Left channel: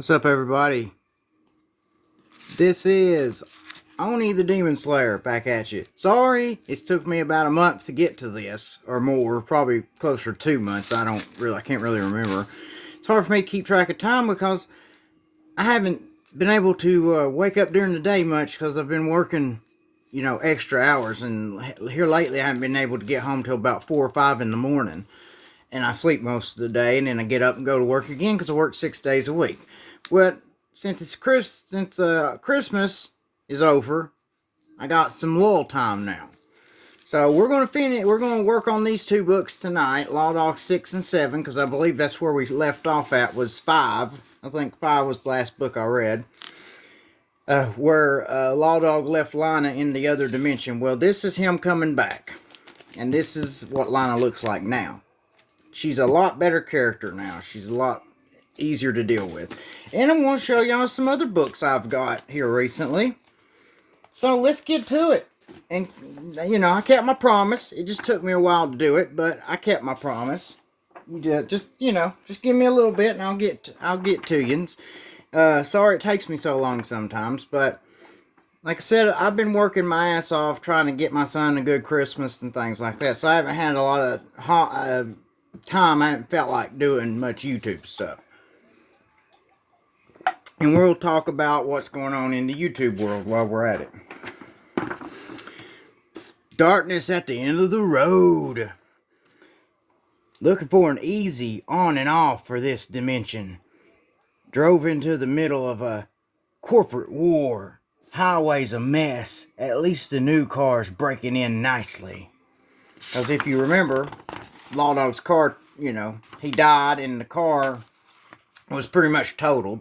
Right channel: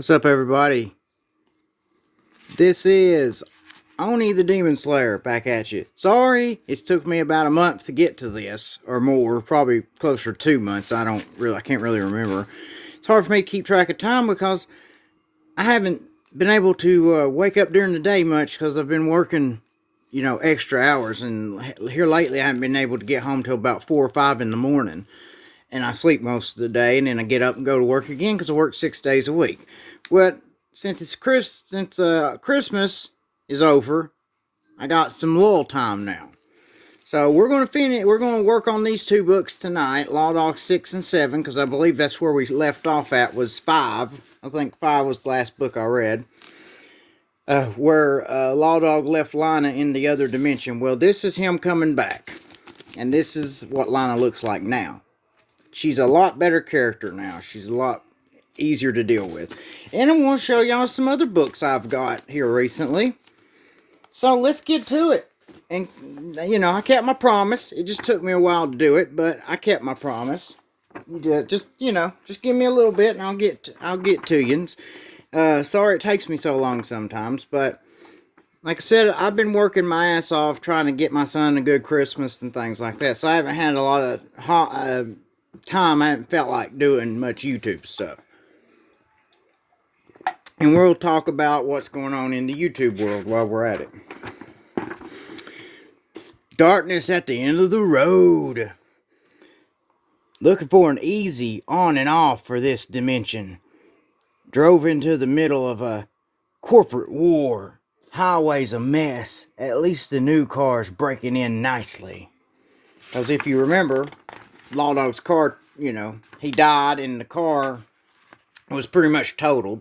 What's up, everybody? This is Oni the Demon Slayer back at you. Sorry, it's took me about a month to get to this, or more, probably closer to 2 months. I can't really remember. It's hard for me to keep track of time because I haven't been able to wake up during the day much because I've been working, extra hours. And here lately, I haven't been able to get home till about 4 or 5 in the morning. And I sleep most of the day, and then I get up and go to work again because I work 6 days a week. Well, since Christmas is over, I got some lull time now. So we're going to finish. We're going to work on these two books tonight, lawdog 6 and 7, because I believe that's where we left off at was 5. I think 5 was the last book I read. Where lawdog left Lana in the other dimension. Well, this is him coming back, and this is what Lana looks like now. She's a lot better character now. She's a lot easier to deal with. And I'm going to show y'all some other books I've got here recently. So let's get to it. And, I kept my promise. It just took me a while to do it, but I kept my promise. Just give me a little bit and I'll get to you. Sorry it takes me so long sometimes, but like I said, I've been working my ass off trying to get my son a good Christmas and things like that. So I haven't had a lot of time. I haven't felt like doing much YouTube stuff. And we'll talk about what's going on in the YouTube world while we're at it. Darkness at the end of the road. Looking for an easy on and off for this dimension. Drove into the middle of a corporate war. Highway's a mess. At least the new car's breaking in nicely. Because if you remember, lawdog's car, he died and the car was pretty much totaled.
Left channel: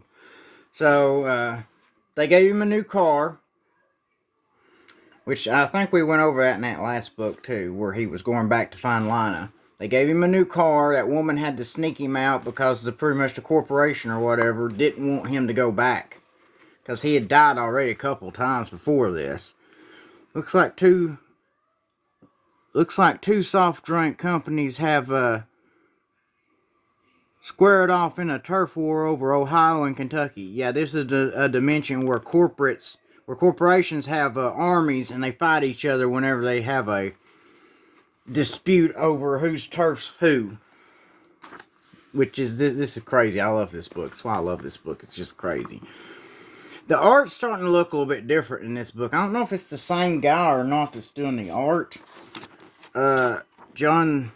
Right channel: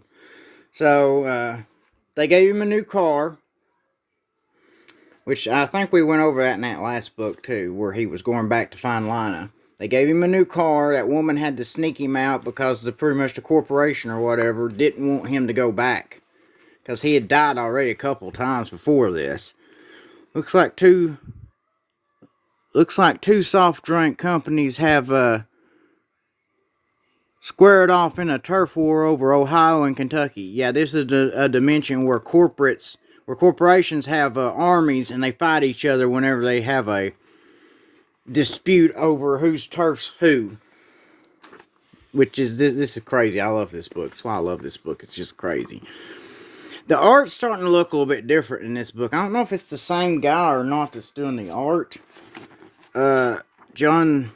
So, they gave him a new car, which I think we went over that in that last book too, where he was going back to find Lana. They gave him a new car. That woman had to sneak him out because pretty much the corporation or whatever didn't want him to go back. Because he had died already a couple times before this. Looks like two soft drink companies have, squared off in a turf war over Ohio and Kentucky. Yeah, this is a dimension where corporations have armies and they fight each other whenever they have a dispute over whose turf's who. Which is, this is crazy. I love this book. That's why I love this book. It's just crazy. The art's starting to look a little bit different in this book. I don't know if it's the same guy or not that's doing the art. John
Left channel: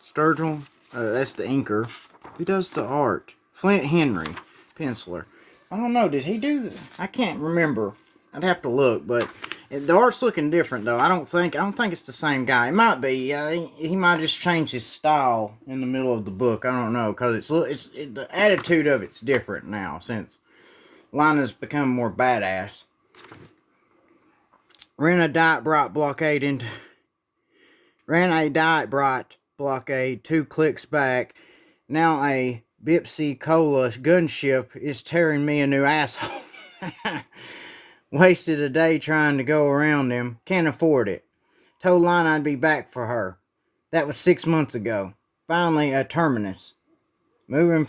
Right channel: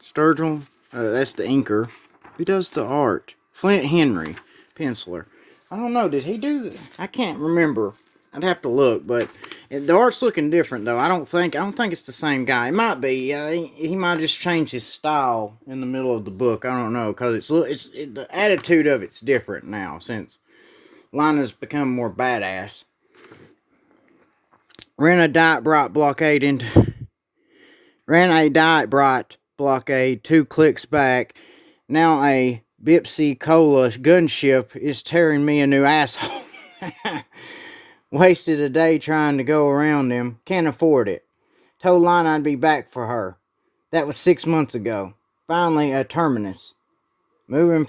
Sturgill. That's the inker. Who does the art? Flint Henry, penciler. I don't know. Did he do that? I can't remember. I'd have to look, but the art's looking different though. I don't think it's the same guy. It might be. He might just change his style in the middle of the book. I don't know because the attitude of it's different now since Lana's become more badass. Ran a diet brought blockade 2 clicks back. Now a Bipsy Cola gunship is tearing me a new asshole. Wasted a day trying to go around him. Can't afford it. Told Lana I'd be back for her. That was 6 months ago. Finally a terminus. Moving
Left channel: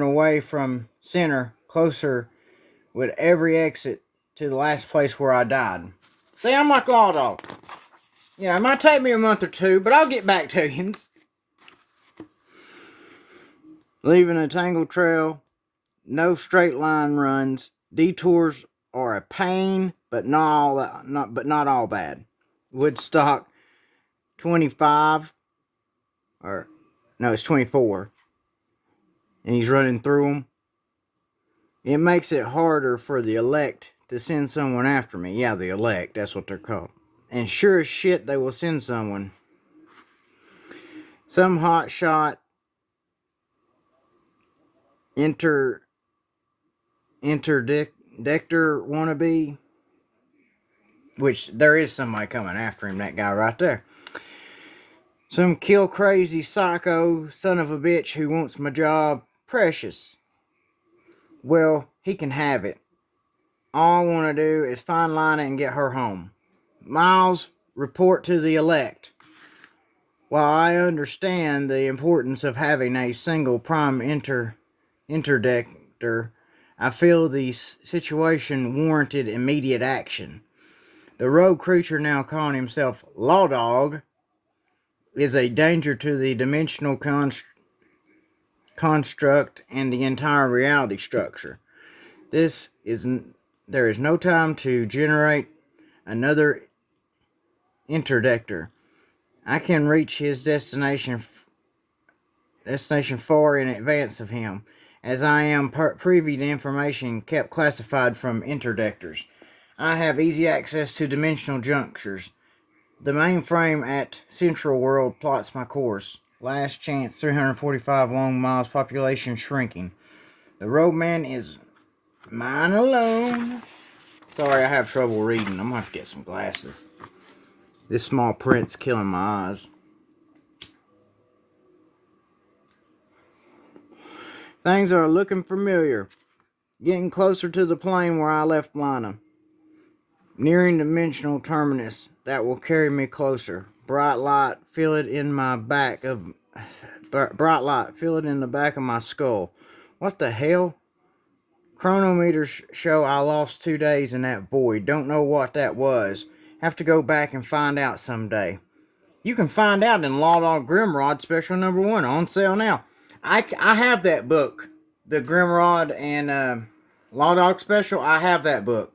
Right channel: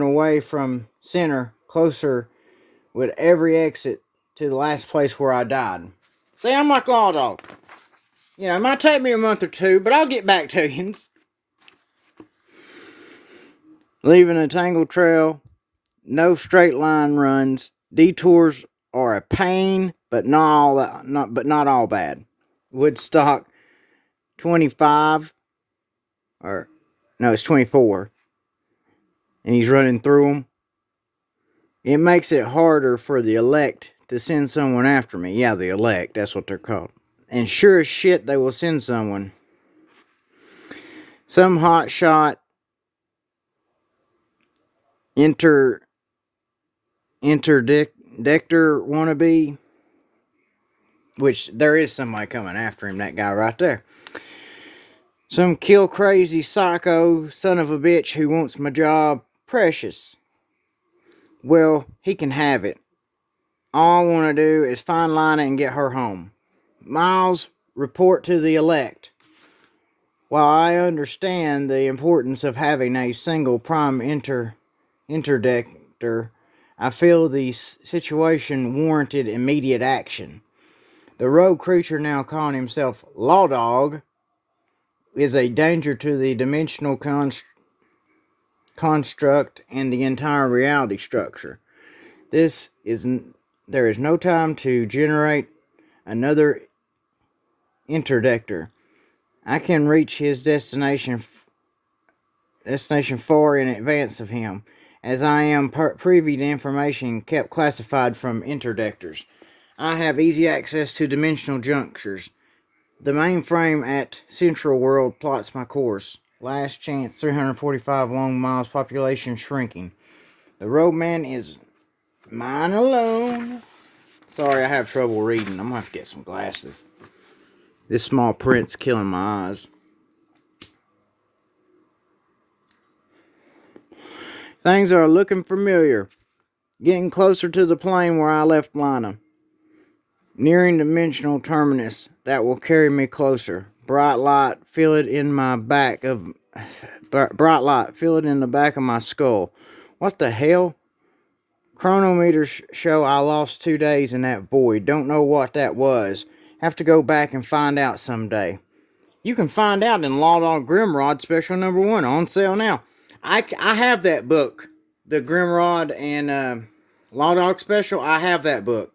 away from center, closer with every exit to the last place where I died. See, I'm like lawdog. It might take me a month or two, but I'll get back to you. Leaving a tangled trail, no straight line runs. Detours are a pain, but not all bad. Woodstock 25, it's 24, and he's running through them. It makes it harder for the elect to send someone after me. Yeah, the elect, that's what they're called. And sure as shit, they will send someone. Some hotshot interdictor wannabe. Which, there is somebody coming after him, that guy right there. Some kill crazy psycho son of a bitch who wants my job. Precious. Well, he can have it. All I want to do is find Lana and get her home. Miles, report to the elect. While I understand the importance of having a single prime interdictor Interdictor, I feel the situation warranted immediate action. The rogue creature, now calling himself Lawdog, is a danger to the dimensional construct and the entire reality structure. There is no time to generate another interdictor. I can reach his destination far in advance of him, as I am privy to information kept classified from interdictors. I have easy access to dimensional junctures. The mainframe at Central World plots my course. Last chance, 345 long miles, population shrinking. The roadman is mine alone. Sorry, I have trouble reading. I'm gonna have to get some glasses. This small print's killing my eyes. Things are looking familiar. Getting closer to the plane where I left Lana. Nearing dimensional terminus that will carry me closer. Bright light, feel it in the back of my skull. What the hell? Chronometers show I lost 2 days in that void. Don't know what that was. Have to go back and find out someday. You can find out in Lawdog Grimrod Special Number 1 on sale now. I have that book, the Grimrod and Lawdog Special. I have that book.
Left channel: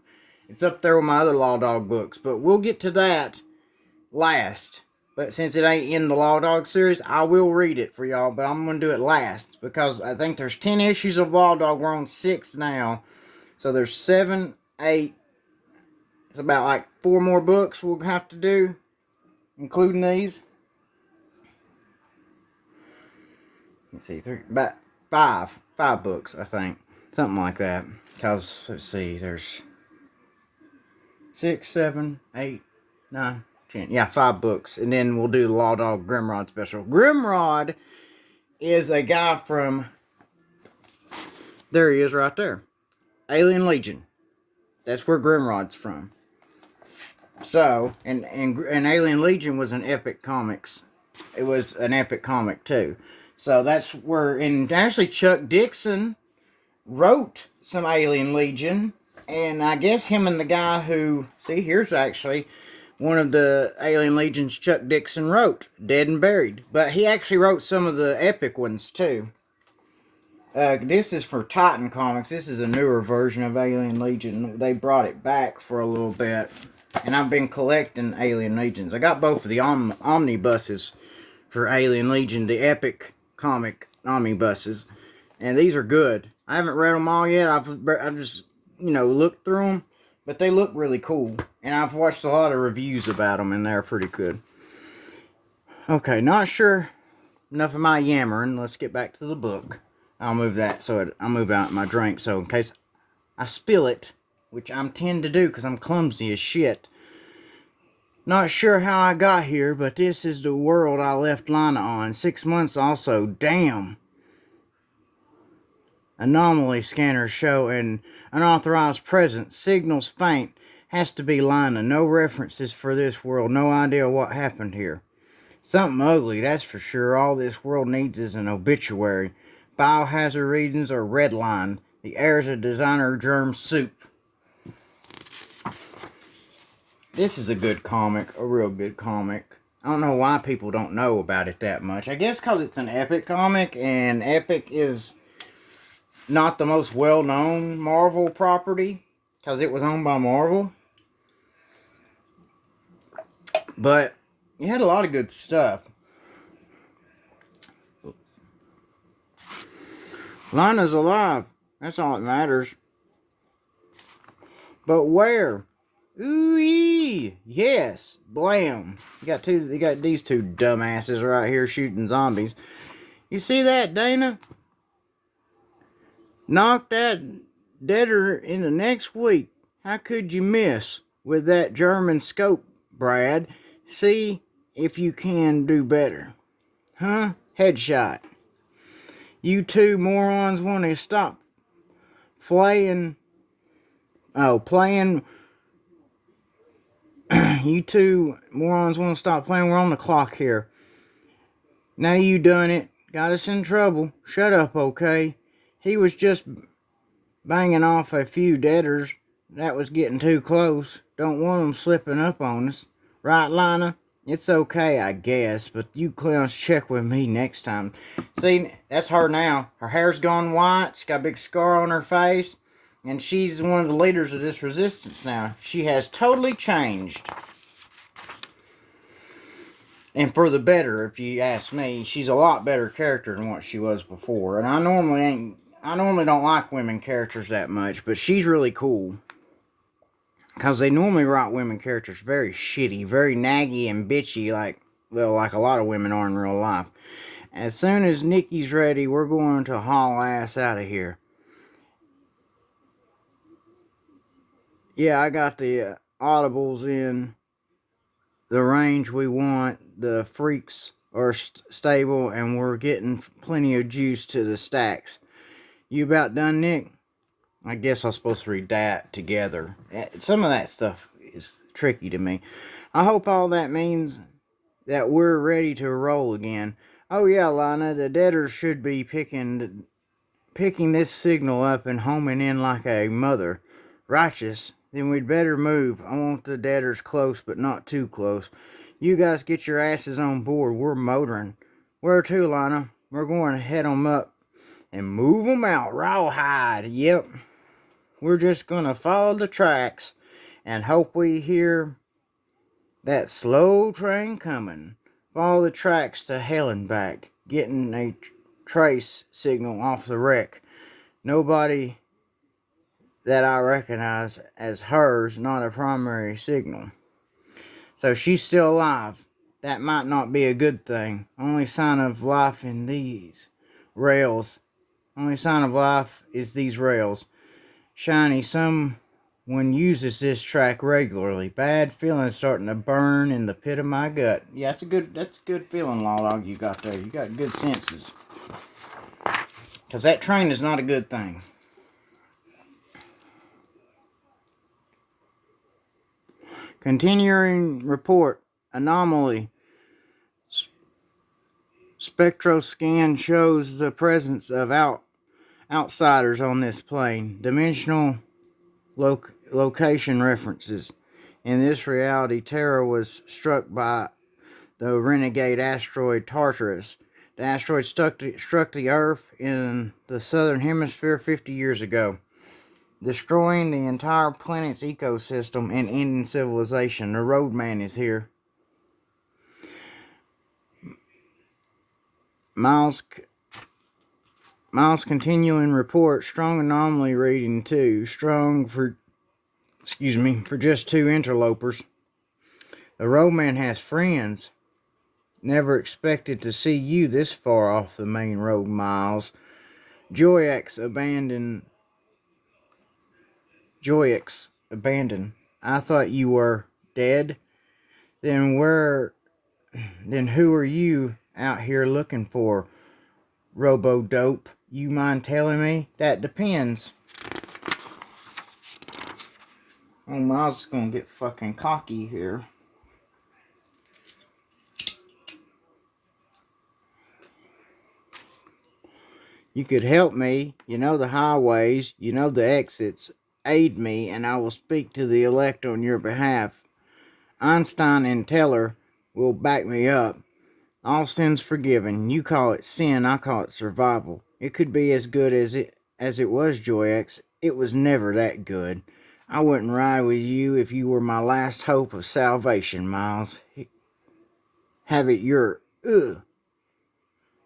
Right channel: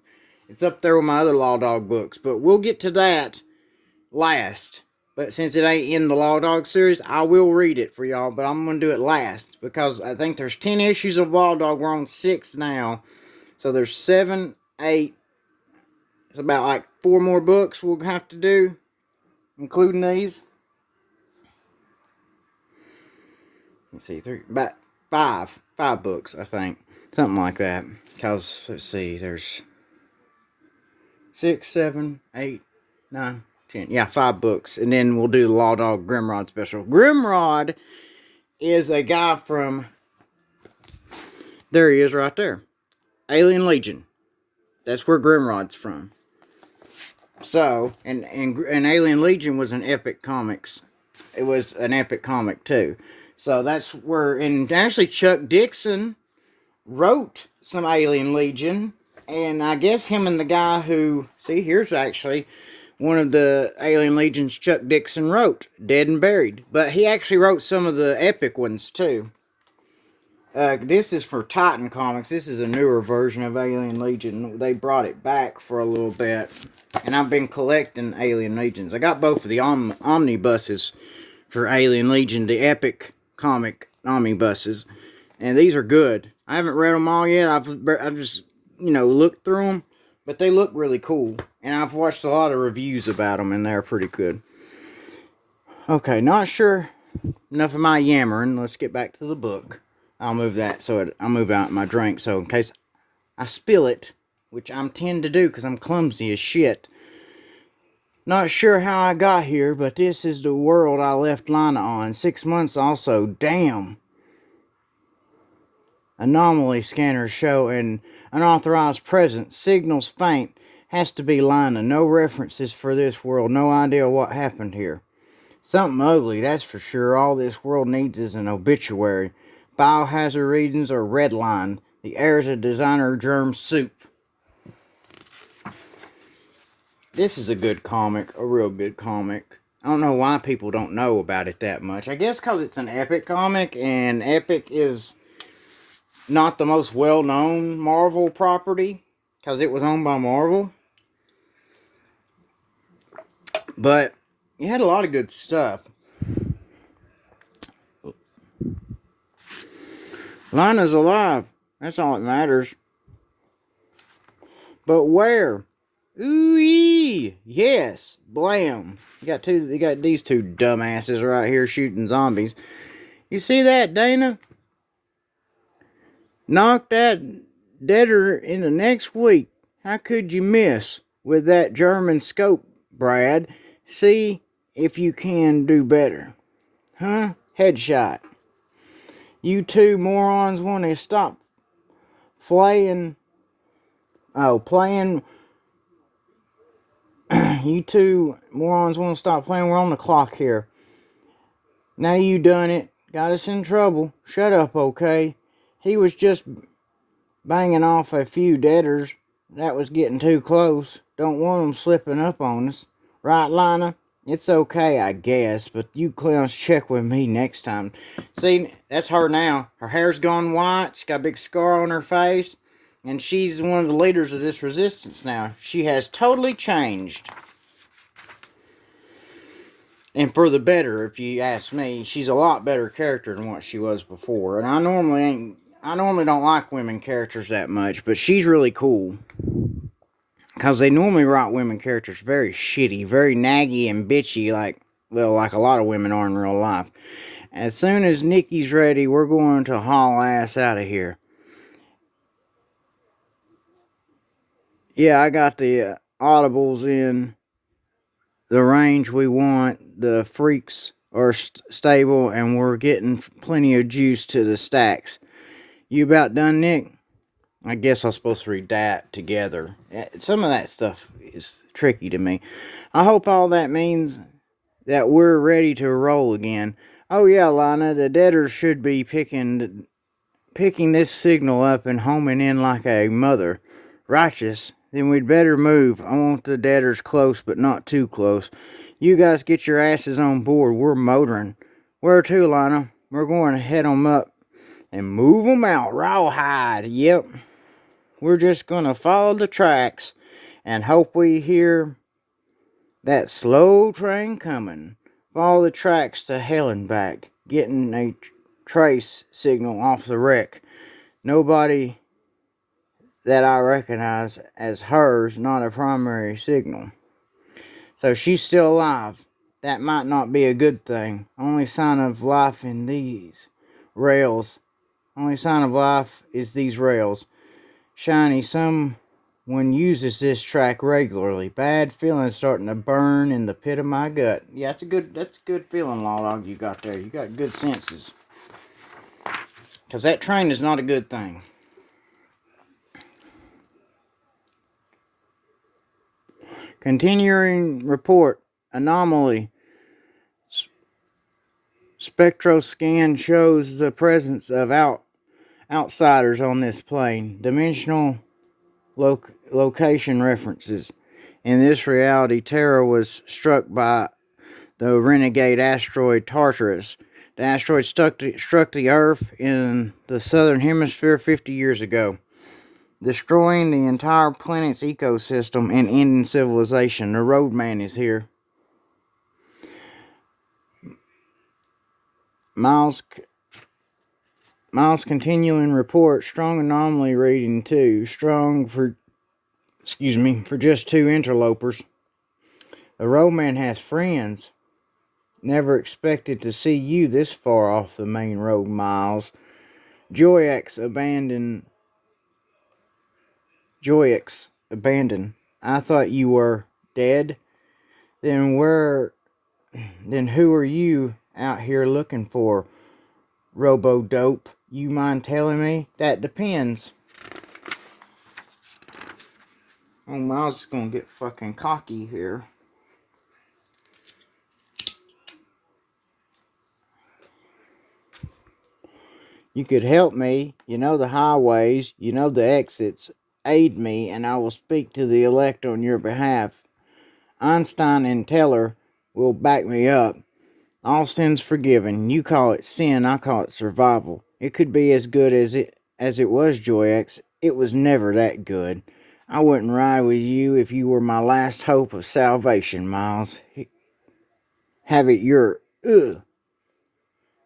It's up there with my other Lawdog books, but we'll get to that last. But since it ain't in the Lawdog series, I will read it for y'all, but I'm going to do it last because I think there's 10 issues of Lawdog. We're on 6 now. So there's 7, 8. It's about like 4 more books we'll have to do, including these. Let's see, about 5 books, I think. Something like that. Because, let's see, there's 6, 7, 8, 9, 10. Yeah, 5 books. And then we'll do the Lawdog Grimrod special. Grimrod is a guy from... There he is right there. Alien Legion. That's where Grimrod's from. So, and Alien Legion was an epic comics. It was an epic comic too. So that's where... And actually Chuck Dixon wrote some Alien Legion. And I guess him and the guy who... See, here's actually... one of the Alien Legions Chuck Dixon wrote, Dead and Buried. But he actually wrote some of the epic ones, too. This is for Titan Comics. This is a newer version of Alien Legion. They brought it back for a little bit. And I've been collecting Alien Legions. I got both of the omnibuses for Alien Legion, the epic comic omnibuses. And these are good. I haven't read them all yet. I've just, looked through them. But they look really cool. And I've watched a lot of reviews about them, and they're pretty good. Okay, not sure. Enough of my yammering. Let's get back to the book. I'll move that so I'll move out my drink. So in case I spill it, which I tend to do because I'm clumsy as shit. Not sure how I got here, but this is the world I left Lana on. 6 months also. Damn. Anomaly scanners show an unauthorized presence. Signals faint. Has to be Lana. No references for this world. No idea what happened here. Something ugly, that's for sure. All this world needs is an obituary. Biohazard readings are redlined. The heirs of designer germ soup. This is a good comic. A real good comic. I don't know why people don't know about it that much. I guess because it's an epic comic. And epic is... not the most well-known Marvel property, because it was owned by Marvel. But it had a lot of good stuff. Lana's alive. That's all that matters. But where? Ooh-ee! Yes, blam. You got these two dumbasses right here shooting zombies. You see that, Dana? Knock that deader in the next week. How could you miss with that German scope, Brad? See if you can do better. Huh? Headshot. You two morons want to stop playing. You two morons want to stop playing. We're on the clock here. Now you done it. Got us in trouble. Shut up, okay? He was just banging off a few deaders that was getting too close. Don't want them slipping up on us. Right, Lana? It's okay, I guess, but you clowns check with me next time. See, that's her now. Her hair's gone white. She's got a big scar on her face. And she's one of the leaders of this resistance now. She has totally changed. And for the better, if you ask me. She's a lot better character than what she was before. And I normally don't like women characters that much, but she's really cool. Because they normally write women characters very shitty, very naggy and bitchy, like a lot of women are in real life. As soon as Nikki's ready, we're going to haul ass out of here. Yeah, I got the audibles in the range we want. The freaks are stable, and we're getting plenty of juice to the stacks. You about done, Nick? I guess I'm supposed to read that together. Some of that stuff is tricky to me. I hope all that means that we're ready to roll again. Oh yeah, Lana, the deaders should be picking this signal up and homing in like a mother. Righteous. Then we'd better move. I want the deaders close, but not too close. You guys get your asses on board. We're motoring. Where to, Lana? We're going to head 'em up and move 'em out rawhide. Yep. We're just gonna follow the tracks and hope we hear that slow train coming. Follow the tracks to hell and back, getting a trace signal off the wreck. Nobody that I recognize as hers, not a primary signal. So she's still alive. That might not be a good thing. Only sign of life in these rails. Only sign of life is these rails. Shiny, someone uses this track regularly. Bad feeling starting to burn in the pit of my gut. Yeah, that's a good feeling, lawdog, you got there. You got good senses. Because that train is not a good thing. Continuing report. Anomaly. Spectroscan shows the presence of outsiders on this plane. Dimensional location references. In this reality, Terra was struck by the renegade asteroid Tartarus. The asteroid struck the Earth in the southern hemisphere 50 years ago, destroying the entire planet's ecosystem and ending civilization. The roadman is here. Miles continuing report. Strong anomaly reading 2. Strong for just 2 interlopers. The roadman has friends. Never expected to see you this far off the main road, Miles. Joyx abandoned. I thought you were dead. Then who are you out here looking for? Robo-dope. You mind telling me? That depends. Oh, Miles is gonna get fucking cocky here. You could help me. You know the highways. You know the exits. Aid me, and I will speak to the elect on your behalf. Einstein and Teller will back me up. All sin's forgiven. You call it sin, I call it survival. It could be as good as it was, Joyx. It was never that good. I wouldn't ride with you if you were my last hope of salvation, Miles. Have it your ugh.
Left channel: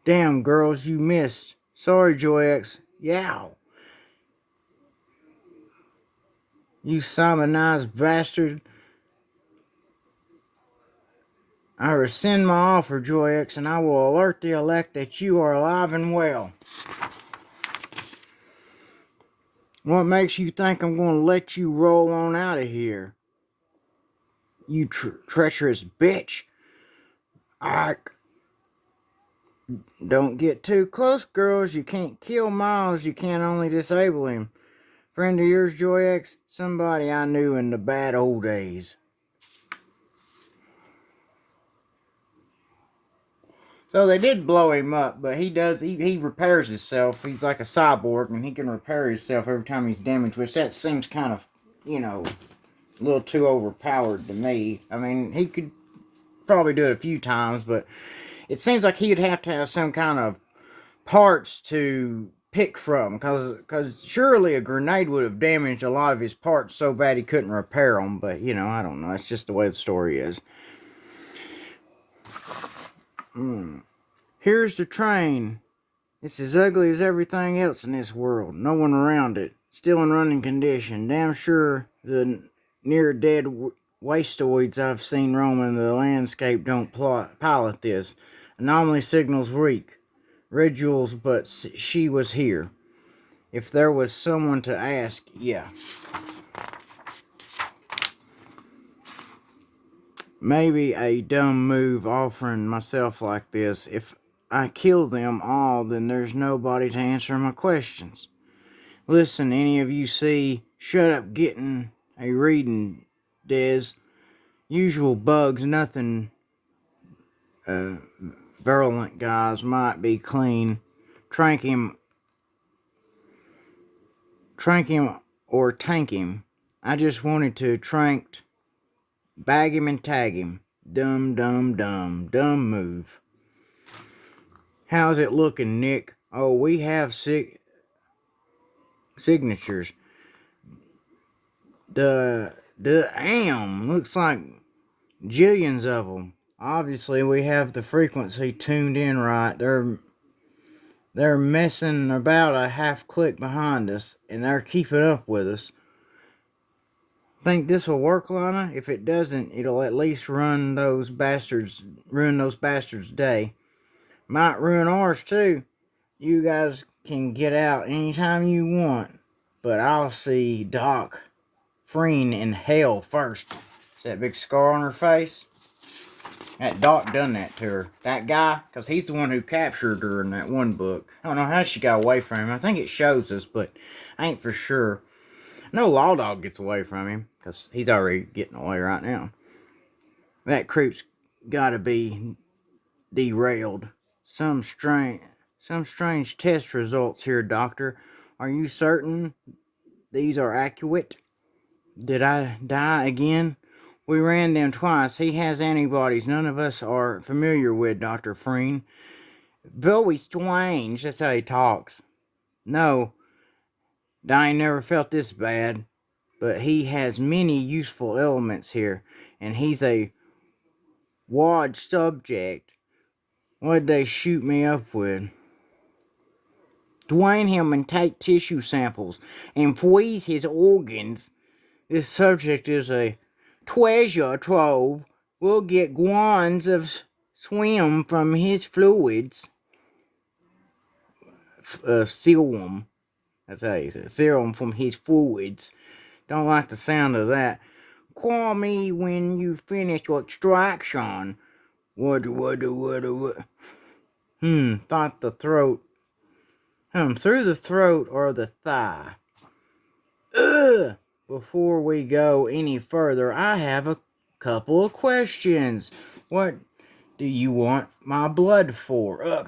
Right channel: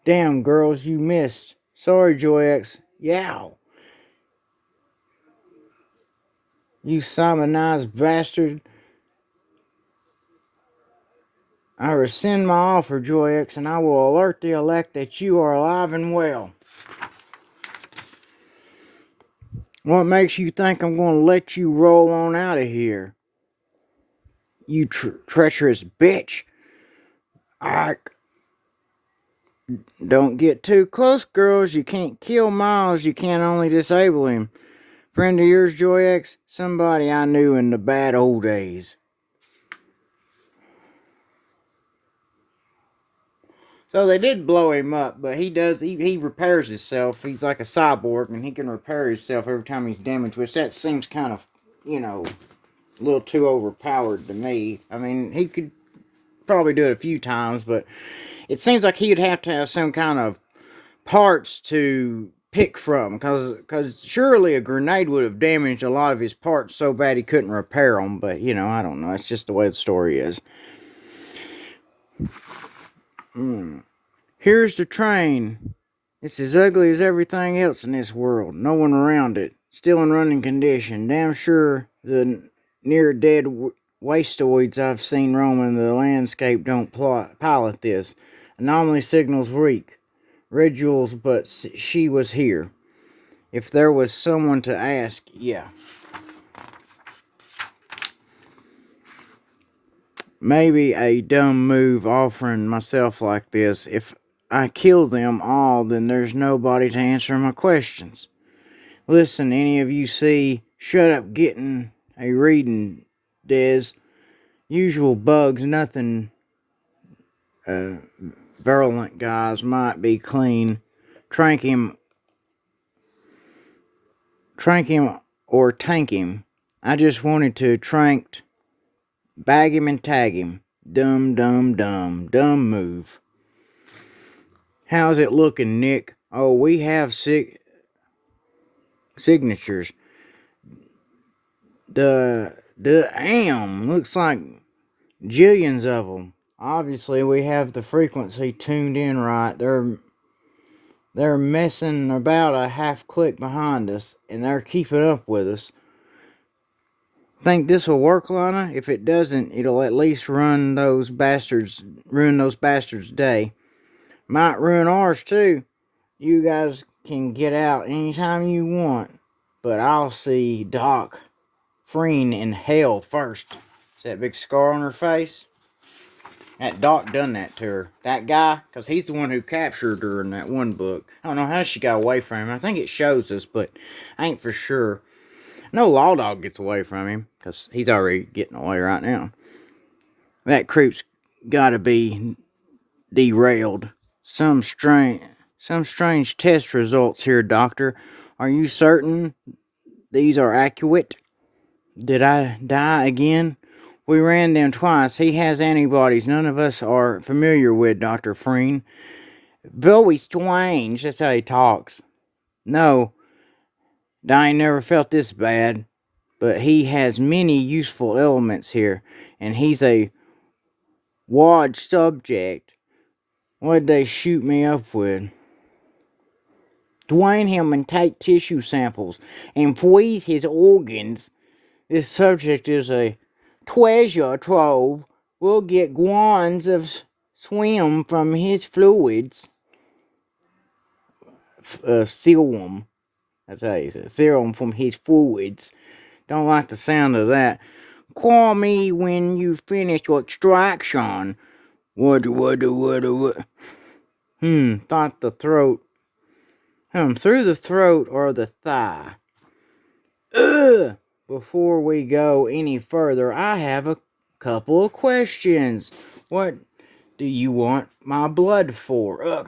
Damn, girls, you missed. Sorry, Joyx. Yow. You Simonized bastard. I rescind my offer, Joyx, and I will alert the elect that you are alive and well. What makes you think I'm going to let you roll on out of here? You treacherous bitch. Don't get too close, girls. You can't kill Miles. You can only disable him. Friend of yours, Joyx? Somebody I knew in the bad old days. So they did blow him up, but he repairs himself. He's like a cyborg, and he can repair himself every time he's damaged, which that seems kind of, a little too overpowered to me. I mean, he could probably do it a few times, but it seems like he'd have to have some kind of parts to pick from, because surely a grenade would have damaged a lot of his parts so bad he couldn't repair them, but, I don't know. It's just the way the story is. Here's the train. It's as ugly as everything else in this world. No one around it. Still in running condition. Damn sure the near-dead wastoids I've seen roaming the landscape don't pilot this. Anomaly signals weak. Red Jules, but she was here. If there was someone to ask, yeah. Maybe a dumb move offering myself like this. If I kill them all, then there's nobody to answer my questions. Listen, any of you see, shut up getting a reading, Des. Usual bugs, nothing virulent guys might be clean. Trank him or tank him. I just wanted to bag him and tag him. Dumb move. How's it looking, Nick? Oh, we have signatures. Damn, looks like jillions of them. Obviously, we have the frequency tuned in right. They're messing about a half click behind us, and they're keeping up with us. Think this will work, Lana? If it doesn't, it'll at least ruin those bastards' day. Might ruin ours too. You guys can get out anytime you want, but I'll see Doc Freen in hell first. See that big scar on her face? That Doc done that to her. That guy, because he's the one who captured her in that one book. I don't know how she got away from him. I think it shows us, but I ain't for sure. No lawdog gets away from him, because he's already getting away right now. That creep's gotta be derailed. Some strange test results here, Doctor. Are you certain these are accurate? Did I die again? We ran them twice. He has antibodies none of us are familiar with, Dr. Freen. Very strange. That's how he talks. No, I never felt this bad. But he has many useful elements here. And he's a ward subject. What'd they shoot me up with? Drain him and take tissue samples and freeze his organs. This subject is a treasure trove. We'll get guans of swim from his fluids. Serum. That's how you say it. Serum from his fluids. Don't like the sound of that. Call me when you finish your extraction. What? Thought the throat. Through the throat or the thigh. Ugh! Before we go any further, I have a couple of questions. What do you want my blood for?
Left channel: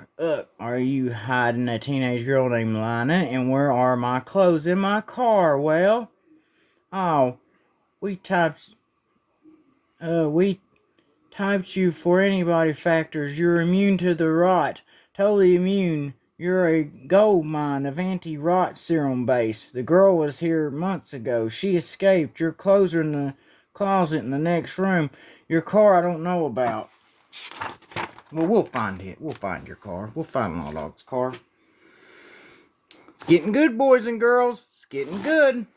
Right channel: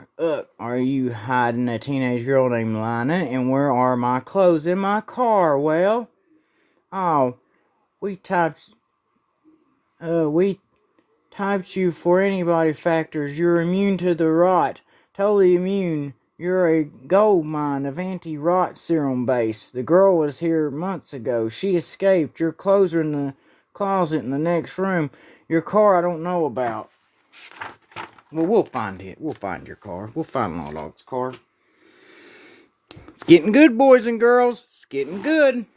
Are you hiding a teenage girl named Lana? And where are my clothes in my car? Well, we typed you for antibody factors. You're immune to the rot. Totally immune. You're a gold mine of anti-rot serum base. The girl was here months ago. She escaped. Your clothes are in the closet in the next room. Your car I don't know about. Well, we'll find it. We'll find your car. We'll find lawdog's car. It's getting good, boys and girls. It's getting good.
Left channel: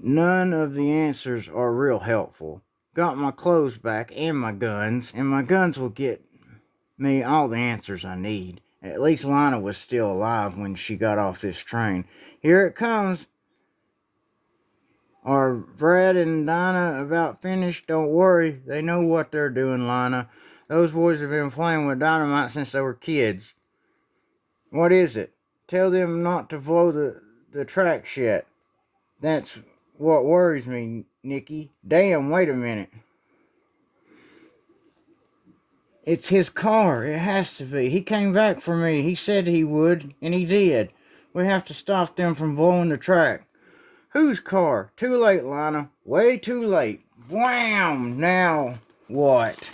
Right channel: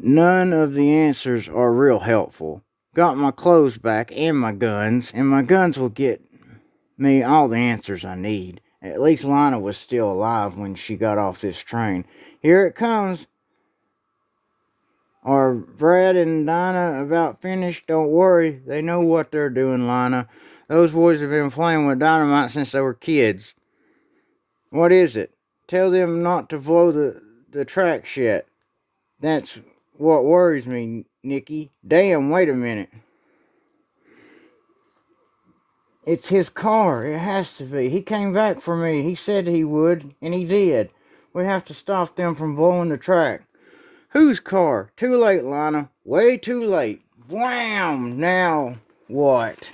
None of the answers are real helpful. Got my clothes back and my guns will get me all the answers I need. At least Lana was still alive when she got off this train. Here it comes. Are Brad and Dinah about finished? Don't worry, they know what they're doing, Lana. Those boys have been playing with dynamite since they were kids. What is it? Tell them not to blow the tracks yet. That's what worries me, Nicky. Damn, wait a minute. It's his car. It has to be. He came back for me. He said he would, and he did. We have to stop them from blowing the track. Whose car? Too late, Lana. Way too late. Wham! Now what?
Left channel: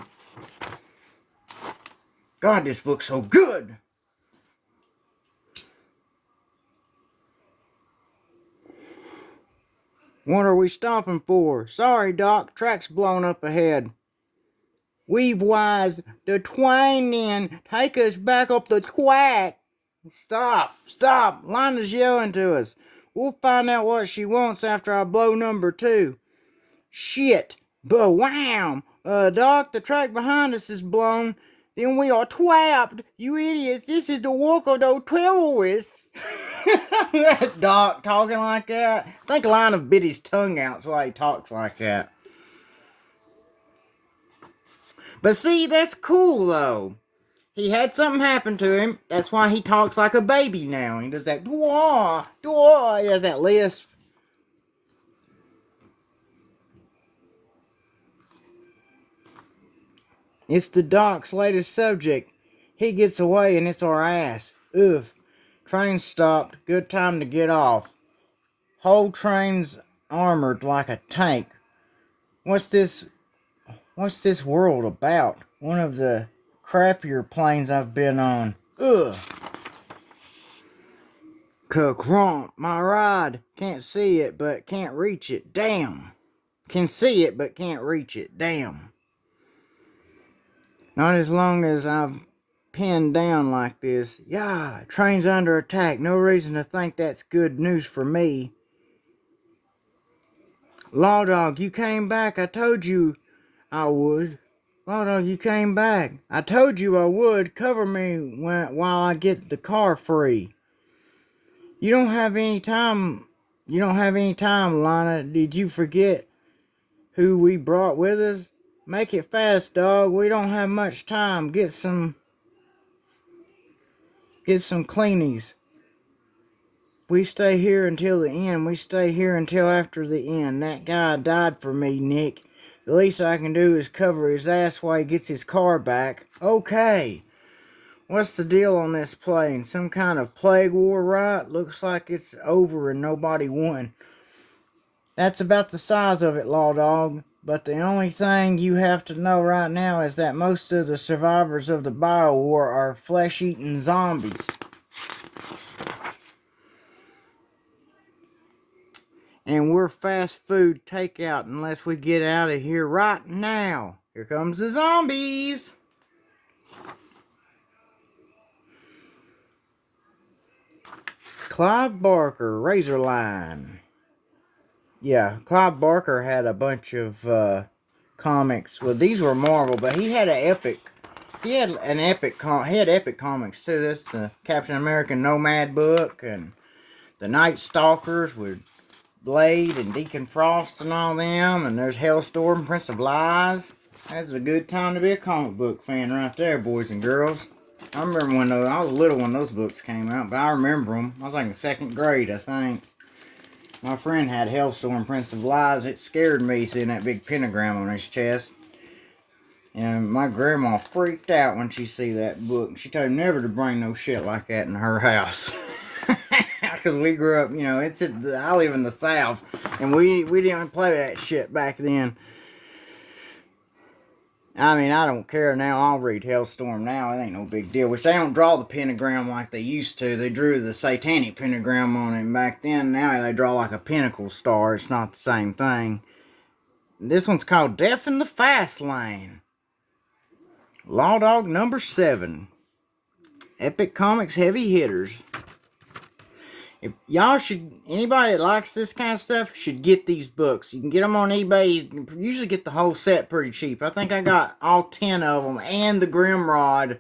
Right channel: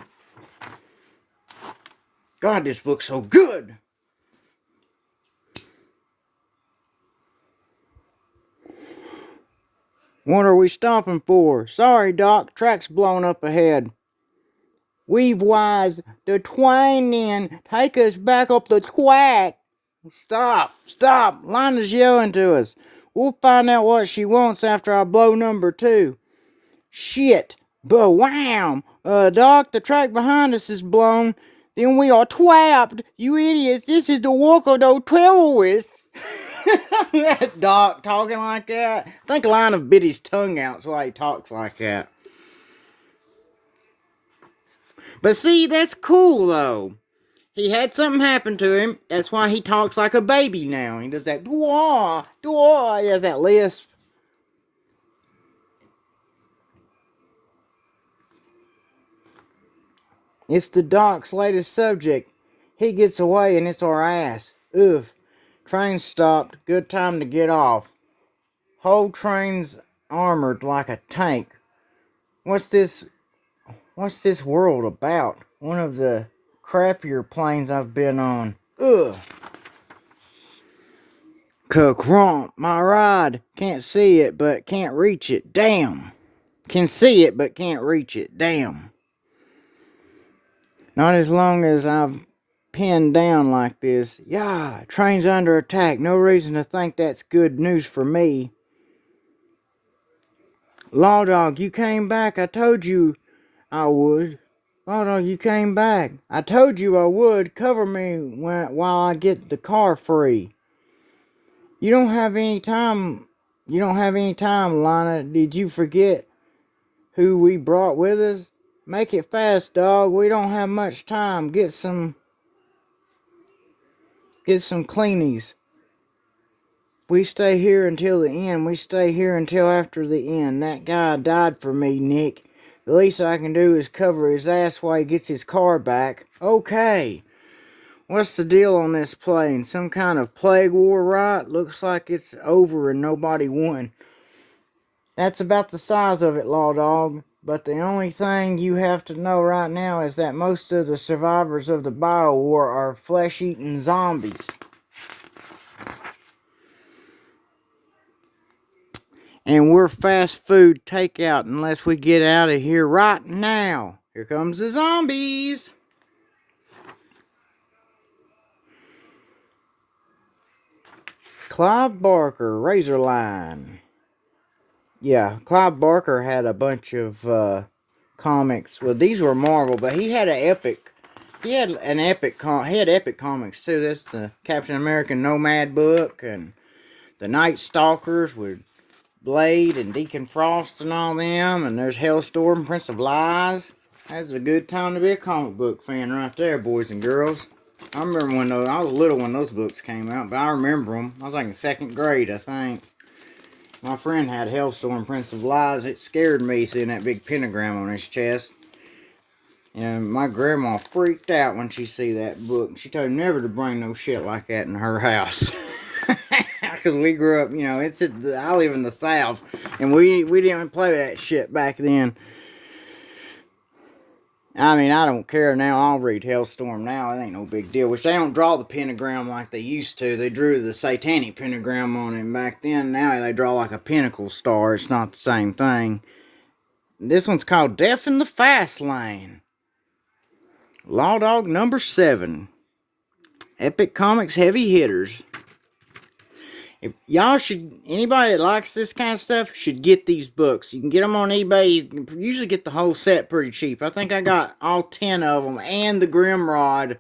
God, this book's so good. What are we stopping for? Sorry, Doc. Track's blown up ahead. We've wise the twine in. Take us back up the track. Stop. Stop. Lana's yelling to us. We'll find out what she wants after I blow number 2. Shit. Bwam! Doc, the track behind us is blown. Then we are trapped. You idiots. This is the work of those terrorists. Doc talking like that. I think Lana bit his tongue out, so he talks like that. But see, that's cool though. He had something happen to him. That's why he talks like a baby now. He does that dwah, dwah. He has that lisp. It's the Doc's latest subject. He gets away and it's our ass. Ugh. Train stopped. Good time to get off. Whole train's armored like a tank. What's this world about? One of the crappier planes I've been on. Ugh. Ka-crump, my ride. Can't see it, but can't reach it. Damn. Can see it, but can't reach it. Damn. Not as long as I've pinned down like this. Yeah, train's under attack. No reason to think that's good news for me. Lawdog, you came back. I told you I would. Lawdog, you came back. I told you I would. Cover me while I get the car free. You don't have any time. You don't have any time, Lana. Did you forget who we brought with us? Make it fast, dog. We don't have much time. Get some cleanies. We stay here until the end. We stay here until after the end. That guy died for me, Nick. The least I can do is cover his ass while he gets his car back. Okay. What's the deal on this plane? Some kind of plague war, right? Looks like it's over and nobody won. That's about the size of it, Lawdog. But the only thing you have to know right now is that most of the survivors of the bio war are flesh-eating zombies. And we're fast food takeout unless we get out of here right now. Here comes the zombies. Clive Barker, Razorline. Yeah, Clive Barker had a bunch of comics. Well, these were Marvel, but he had epic comics too. That's the Captain America Nomad book and the Night Stalkers with Blade and Deacon Frost and all them. And there's Hellstorm, Prince of Lies. That's a good time to be a comic book fan right there, boys and girls. I remember when I was little when those books came out, but I remember them. I was like in 2nd grade, I think. My friend had Hellstorm, Prince of Lies. It scared me seeing that big pentagram on his chest. And my grandma freaked out when she see that book. She told me never to bring no shit like that in her house. Because we grew up, I live in the South. And we didn't play that shit back then. I mean, I don't care now. I'll read Hellstorm now. It ain't no big deal. Which they don't draw the pentagram like they used to. They drew the satanic pentagram on it back then. Now they draw like a pinnacle star. It's not the same thing. This one's called Death in the Fast Lane. Lawdog number 7. Epic Comics Heavy Hitters. If y'all anybody that likes this kind of stuff should get these books. You can get them on eBay. You can usually get the whole set pretty cheap. I think I got all 10 of them and the Grimrod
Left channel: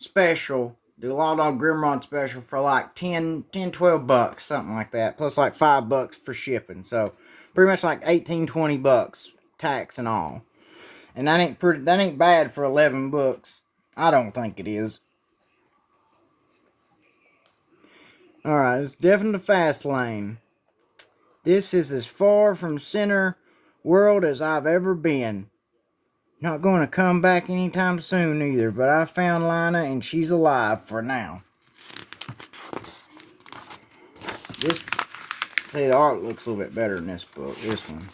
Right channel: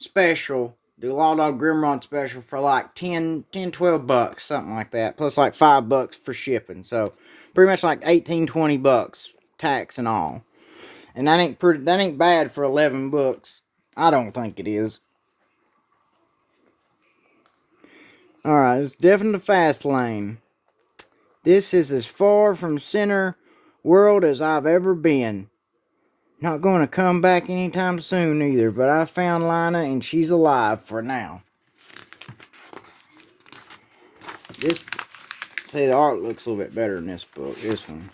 special, the Lawdog Grimrod special for like 10, 12 bucks, something like that. Plus like $5 for shipping. So pretty much like 18, 20 bucks, tax and all. And that ain't bad for 11 books. I don't think it is. Alright, it's definitely the fast lane. This is as far from center world as I've ever been. Not going to come back anytime soon either, but I found Lana and she's alive for now. This, see, the art looks a little bit better in this book, this one.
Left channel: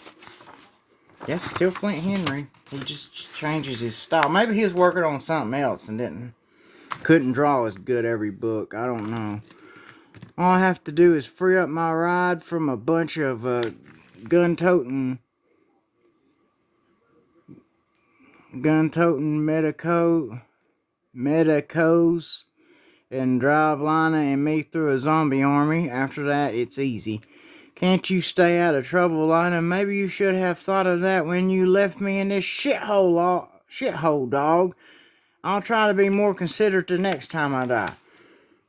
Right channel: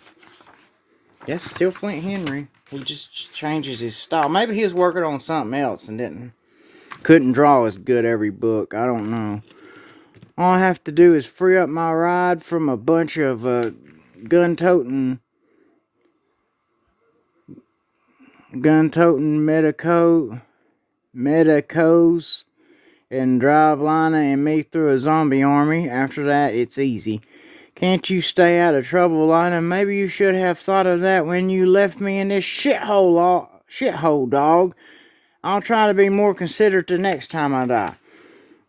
Yes, it's still Flint Henry. He just changes his style. Maybe he was working on something else and couldn't draw as good every book. I don't know. All I have to do is free up my ride from a bunch of gun-toting medicos and drive Lana and me through a zombie army. After that, it's easy. Can't you stay out of trouble, Lana? Maybe you should have thought of that when you left me in this shithole, dog. I'll try to be more considerate the next time I die.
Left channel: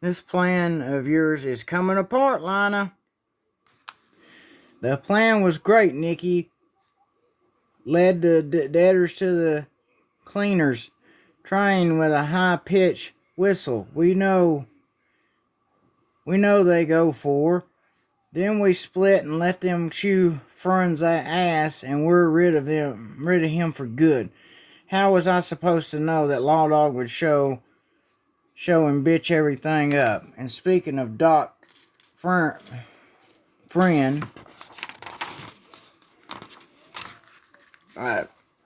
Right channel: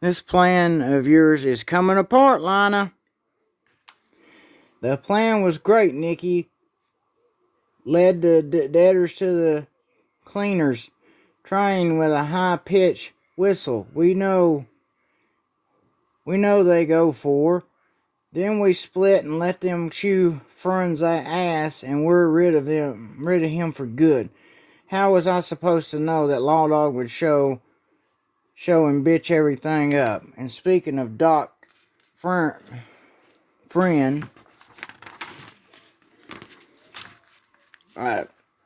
This plan of yours is coming apart, Lana. The plan was great, Nikki. Led the debtors to the cleaners, trying with a high-pitched whistle. We know they go for. Then we split and let them chew Fern's ass, and we're rid of him for good. How was I supposed to know that Lawdog would show and bitch everything up? And speaking of Doc friend,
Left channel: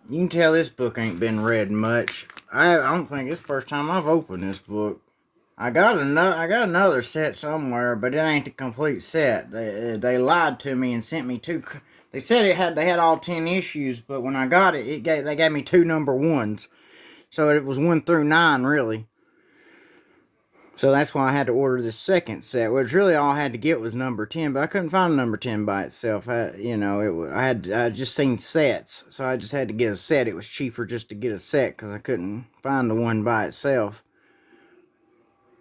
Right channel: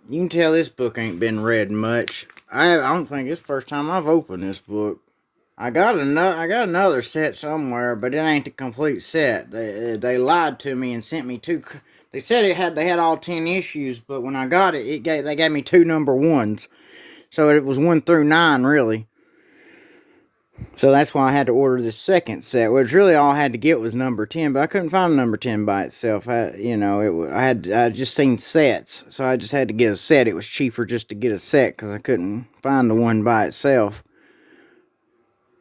you can tell this book ain't been read much. I don't think it's the first time I've opened this book. I got another set somewhere, but it ain't the complete set. They lied to me and sent me two. They said they had all 10 issues, but when I got it, they gave me 2 number 1s. So it was 1 through 9 really. So that's why I had to order the second set, which really all I had to get was number 10, but I couldn't find a number 10 by itself. I had just seen sets, so I just had to get a set. It was cheaper just to get a set because I couldn't find the one by itself.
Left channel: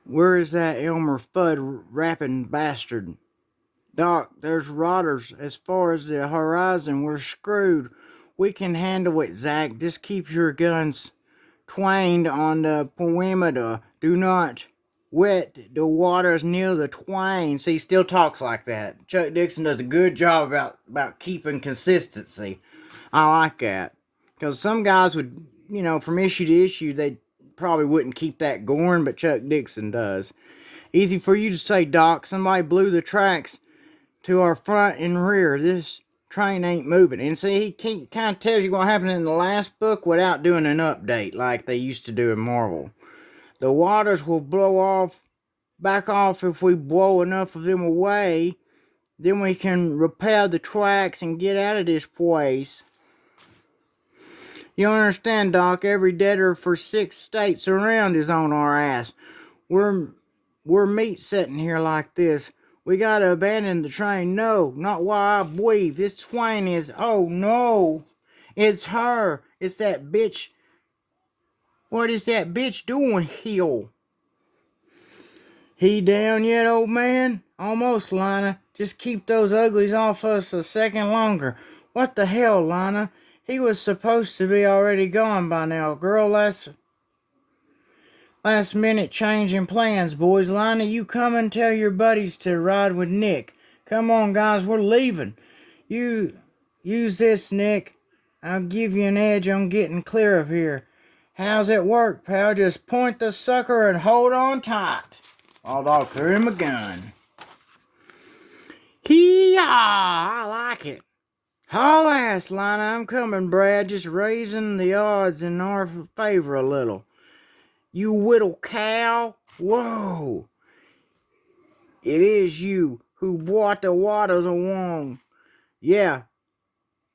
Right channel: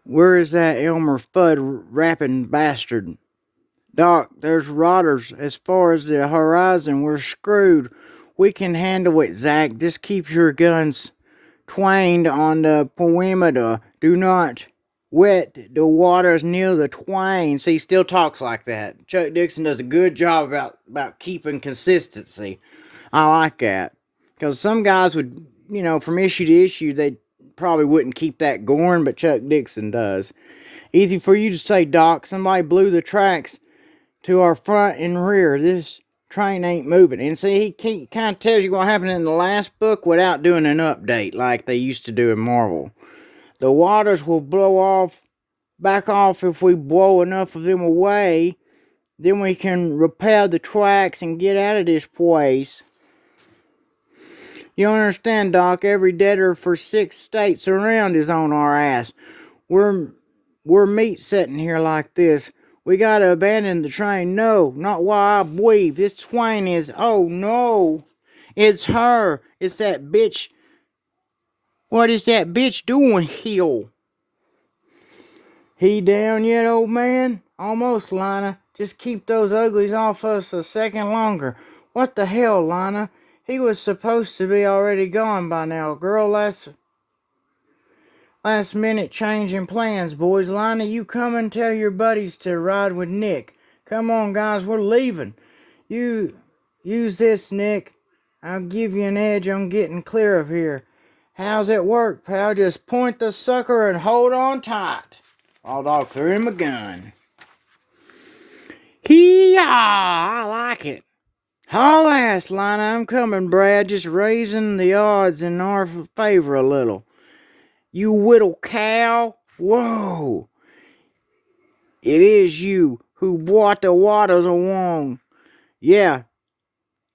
Where is that Elmer Fudd rapping bastard? Doc, there's rotters as far as the horizon. We're screwed. We can handle it, Zach. Just keep your guns twanged on the perimeter. Do not wet the waters near the twine. See, he still talks like that. Chuck Dixon does a good job about keeping consistency. I like that. Because some guys would, from issue to issue, they probably wouldn't keep that going, but Chuck Dixon does. Easy for you to say, Doc. Somebody blew the tracks to our front and rear. This train ain't moving. And see, he kind of tells you what happened in the last book without doing an update like they used to do in Marvel. The waters will back off if we blow enough of them away. Then we can repair the tracks and get out of this place. You understand, Doc? Every debtor for 6 states around is on our ass. We're meat sitting here like this. We gotta abandon the train. No, not while I breathe. This train is... Oh, no. It's her. It's that bitch. What is that bitch doing here? He down yet, old man? Almost, Lana. Just keep those uglies off us a second longer. What the hell, Lana? He was supposed to be already gone by now. Girl, last minute change in plans, boys. Lana, you come and tell your buddies to ride with Nick. Come on, guys, we're leaving. You use this, Nick. I'll give you an edge on getting clear of here. How's it work, pal? Just point the sucker and hold on tight. Lawdog threw him a gun. Hee-yaw! I like it. Haul ass, Lana. I'm coming, Brad. Just raising the odds in our favor a little. You whittle cow. Whoa. It is you who brought the waters along. Yeah.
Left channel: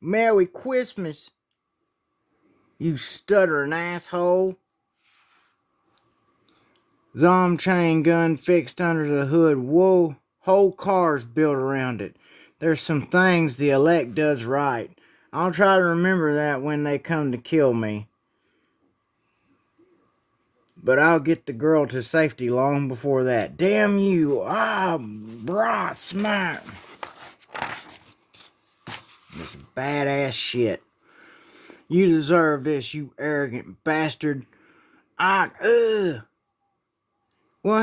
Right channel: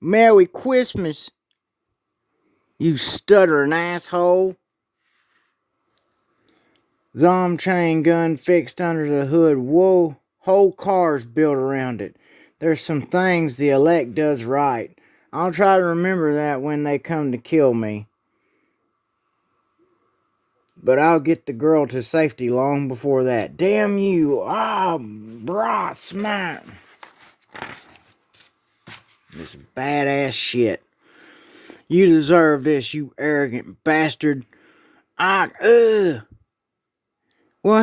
Merry Christmas, you stuttering asshole. Zom chain gun fixed under the hood. Whoa. Whole car's built around it. There's some things the elect does right. I'll try to remember that when they come to kill me. But I'll get the girl to safety long before that. Damn you. Brah, smack. This badass shit. You deserve this, you arrogant bastard. What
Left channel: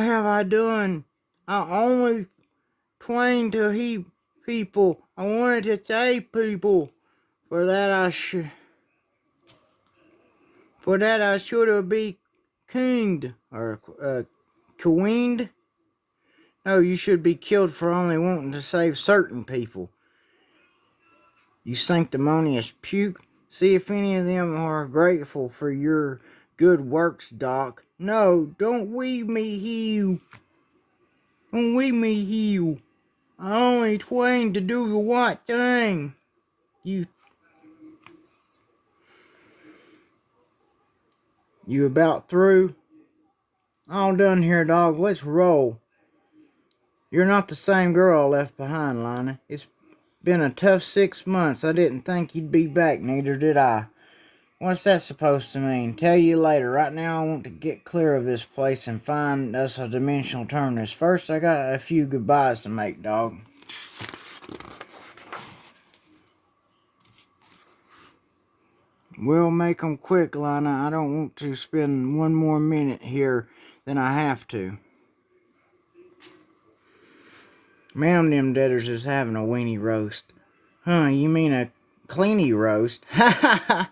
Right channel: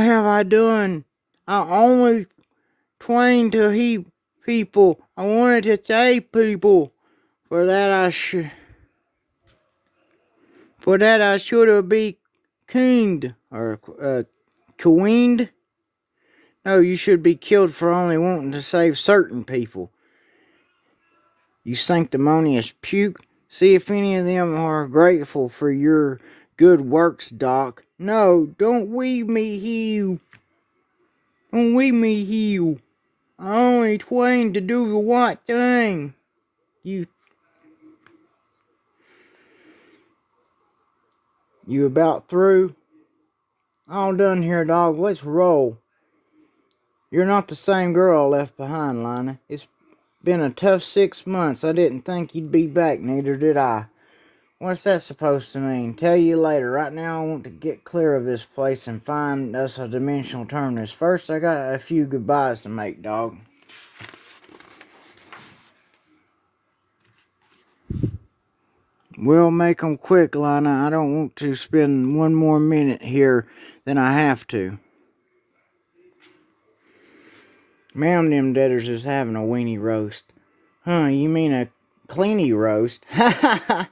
have I done? I only twain to heap people. I wanted to save people. For that For that I should have been kinged, or queened. No, you should be killed for only wanting to save certain people. You sanctimonious puke. See if any of them are grateful for your good works, Doc. No, don't weave me heal. Don't weave me heal. I only twain to do the right thing. You about through? All done here, dog. Let's roll. You're not the same girl I left behind, Lina. It's been a tough 6 months. I didn't think you'd be back, neither did I. What's that supposed to mean? Tell you later. Right now I want to get clear of this place and find us a dimensional terminus. First, I got a few goodbyes to make, dog. We'll make 'em quick, Lina. I don't want to spend one more minute here than I have to. Ma'am, them deaders is having a weenie roast. Huh, you mean a cleany roast? Ha ha ha!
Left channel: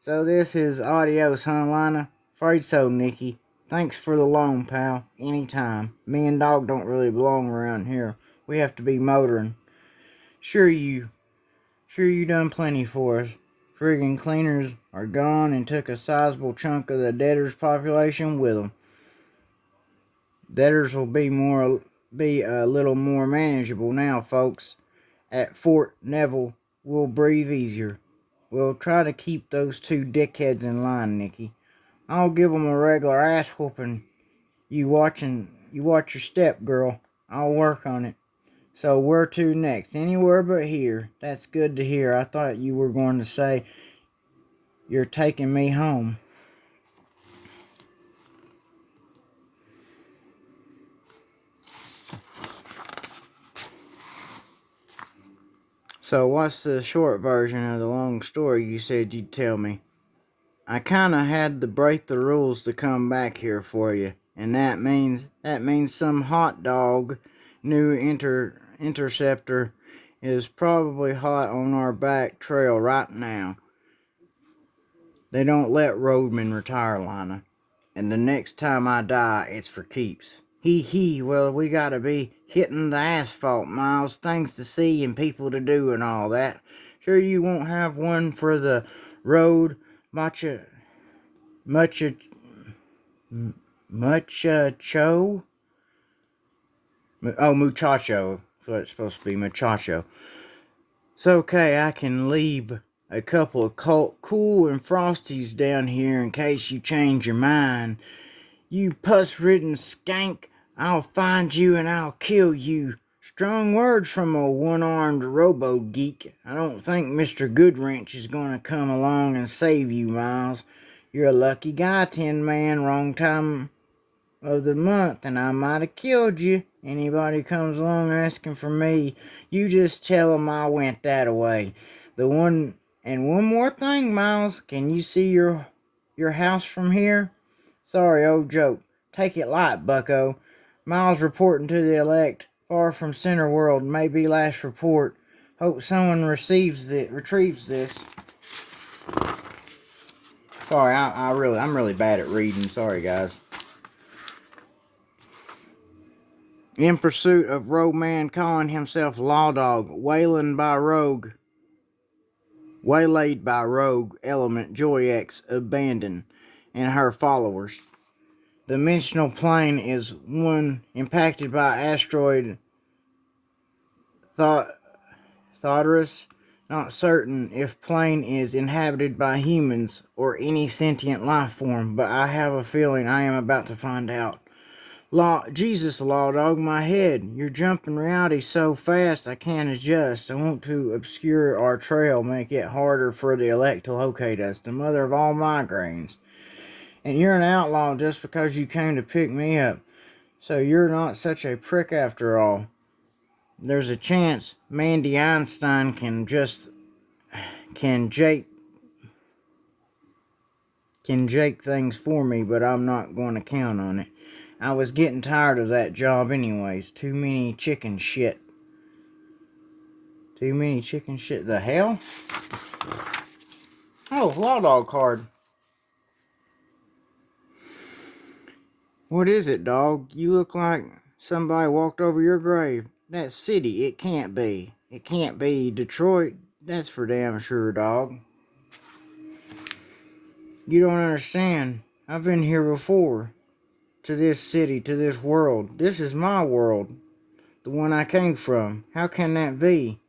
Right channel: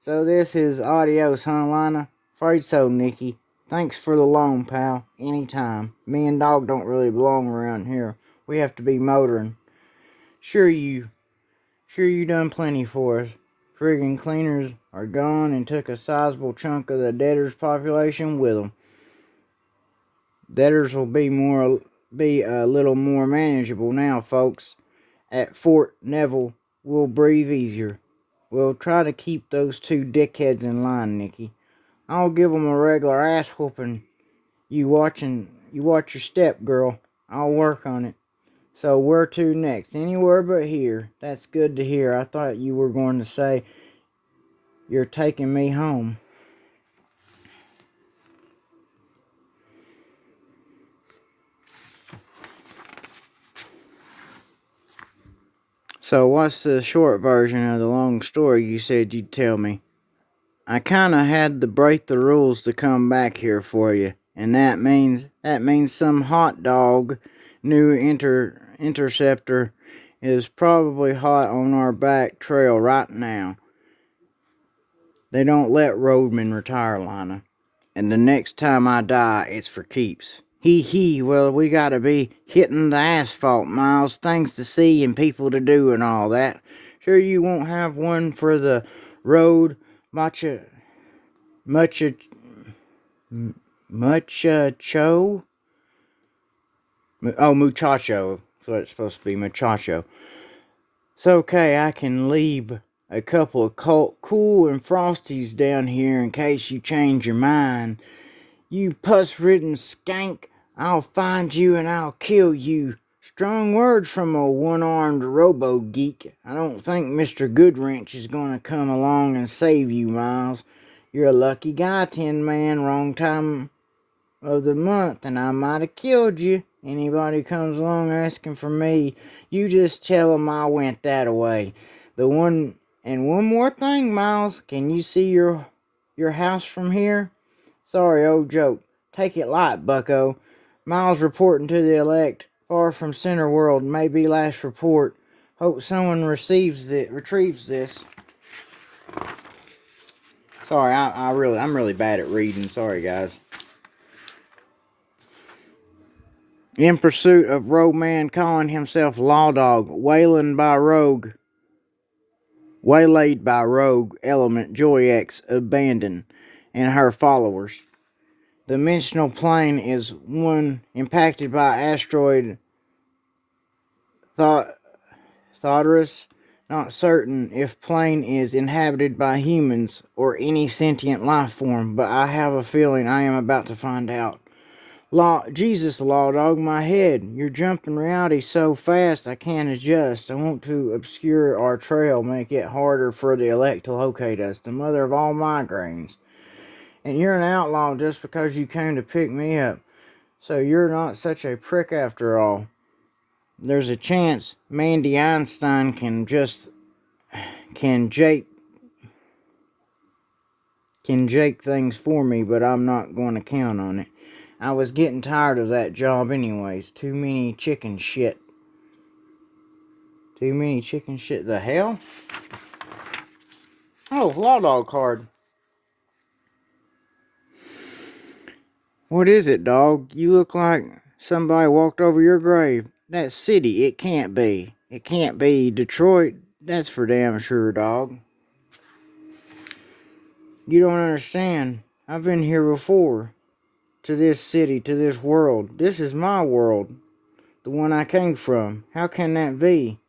So this is adios, huh, Lina? Afraid so, Nikki. Thanks for the loan, pal. Anytime. Me and Dog don't really belong around here. We have to be motoring. Sure you done plenty for us. Friggin' cleaners are gone and took a sizable chunk of the debtors' population with them. Debtors will be a little more manageable now, folks. At Fort Neville, we'll breathe easier. We'll try to keep those two dickheads in line, Nikki. I'll give 'em a regular ass whooping. You watch your step, girl. I'll work on it. So where to next? Anywhere but here. That's good to hear. I thought you were going to say you're taking me home. So what's the short version of the long story you said you'd tell me? I kinda had to break the rules to come back here for you. And that means some hot dog new interceptor is probably hot on our back trail right now. They don't let roadmen retire, Lina. And the next time I die, it's for keeps. Hee, well, we gotta be hitting the asphalt, Miles. Things to see and people to do and all that. Sure you won't have one for the road muchacho? Oh, muchacho. So it's supposed to be muchacho. It's okay, I can leave a couple of cool and frosties down here in case you change your mind. You pus-ridden skank, I'll find you and I'll kill you. Strong words from a one-armed robo-geek. I don't think Mr. Goodwrench is going to come along and save you, Miles. You're a lucky guy, Tin Man. Wrong time of the month, and I might have killed you. Anybody comes along asking for me, you just tell 'em I went that away. One more thing, Miles. Can you see your house from here? Sorry, old joke. Take it light, bucko. Miles reporting to the elect. Far from Center World. Maybe last report. Hope someone retrieves this. Sorry, I'm really bad at reading. Sorry, guys. In pursuit of rogue man calling himself lawdog, waylaid by rogue element Joy X abandoned and her followers. The dimensional plane is one impacted by asteroid Thotarus. Not certain if plane is inhabited by humans or any sentient life form, but I have a feeling I am about to find out. Jesus, lawdog, my head. You're jumping reality so fast I can't adjust. I want to obscure our trail, make it harder for the elect to locate us, the mother of all migraines. And you're an outlaw just because you came to pick me up. So you're not such a prick after all. There's a chance Mandy Einstein can jake things for me, but I'm not going to count on it. I was getting tired of that job anyways. Too many chicken shit. The hell? Oh, law dog card. What is it, dog? You look like somebody walked over your grave. That city, it can't be. It can't be Detroit. That's for damn sure, dog. You don't understand. I've been here before. To this city, to this world. This is my world. The one I came from. How can that be?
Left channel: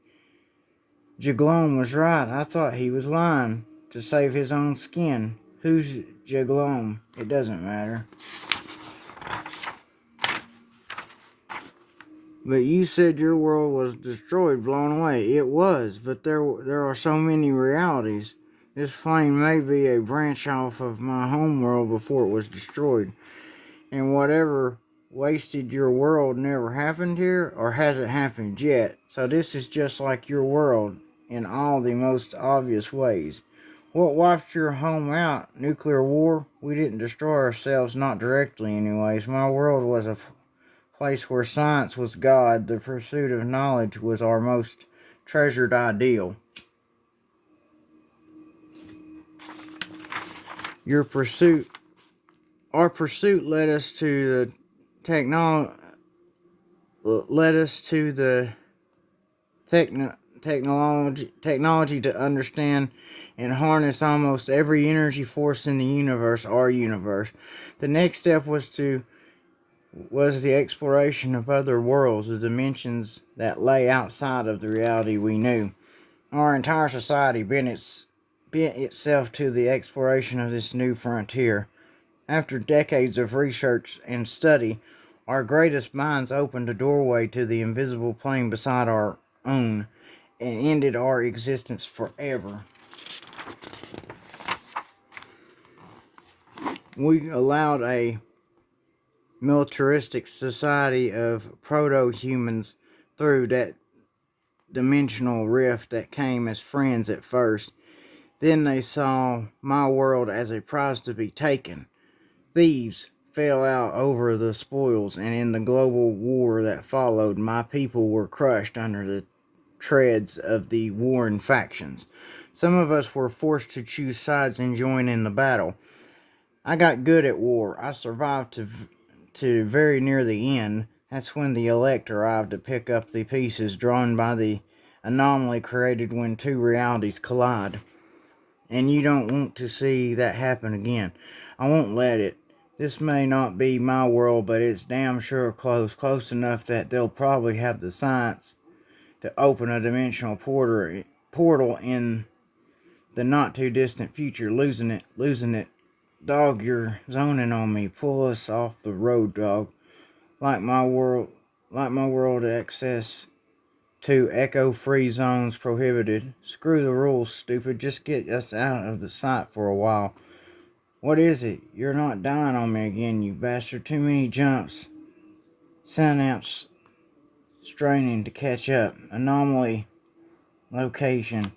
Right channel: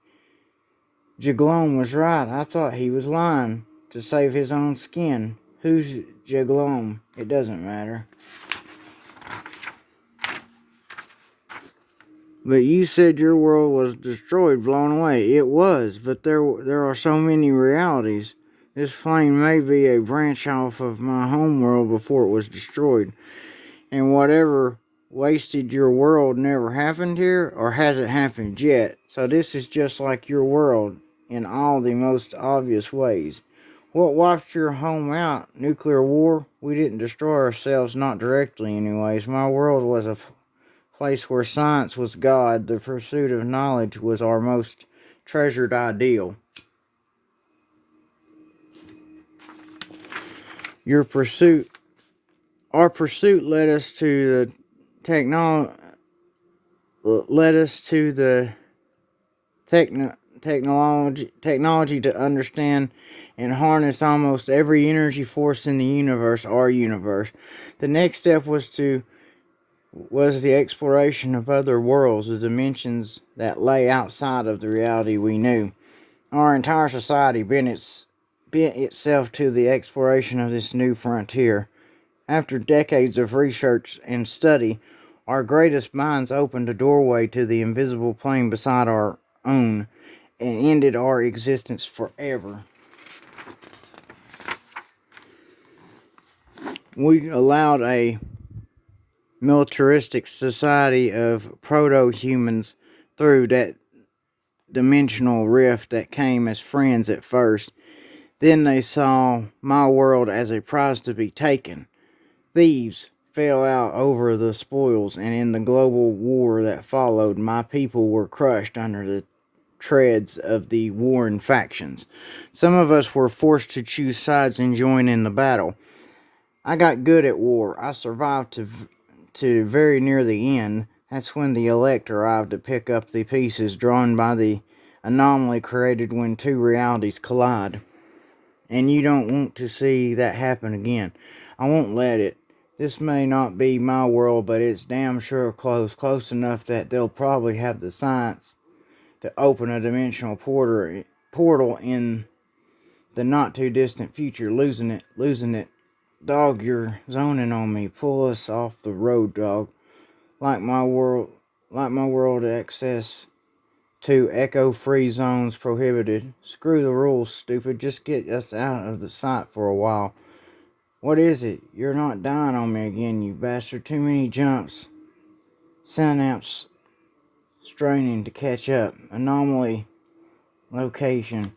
Jaglom was right. I thought he was lying to save his own skin. Who's Jaglom? It doesn't matter. But you said your world was destroyed, blown away. It was, but there are so many realities. This plane may be a branch off of my home world before it was destroyed. And whatever wasted your world never happened here, or hasn't happened yet. So this is just like your world in all the most obvious ways. What wiped your home out? Nuclear war? We didn't destroy ourselves, not directly anyways. My world was a place where science was God. The pursuit of knowledge was our most treasured ideal. Our pursuit led us to the technology to understand and harness almost every energy force in the universe, our universe. The next step was the exploration of other worlds, the dimensions that lay outside of the reality we knew. Our entire society bent itself to the exploration of this new frontier. After decades of research and study, our greatest minds opened a doorway to the invisible plane beside our own and ended our existence forever. We allowed a militaristic society of proto-humans through that dimensional rift that came as friends at first. Then they saw my world as a prize to be taken. Thieves fell out over the spoils, and in the global war that followed, my people were crushed under the treads of the warring factions. Some of us were forced to choose sides and join in the battle. I got good at war. I survived to very near the end. That's when the elect arrived to pick up the pieces drawn by the anomaly created when two realities collide. And you don't want to see that happen again. I won't let it. This may not be my world, but it's damn sure close enough that they'll probably have the science to open a dimensional portal in the not too distant future. Losing it. Dog, you're zoning on me. Pull us off the road, dog. Like my world access to echo-free zones prohibited. Screw the rules, stupid. Just get us out of the sight for a while. What is it? You're not dying on me again, you bastard. Too many jumps. Synapse straining to catch up. Anomaly location.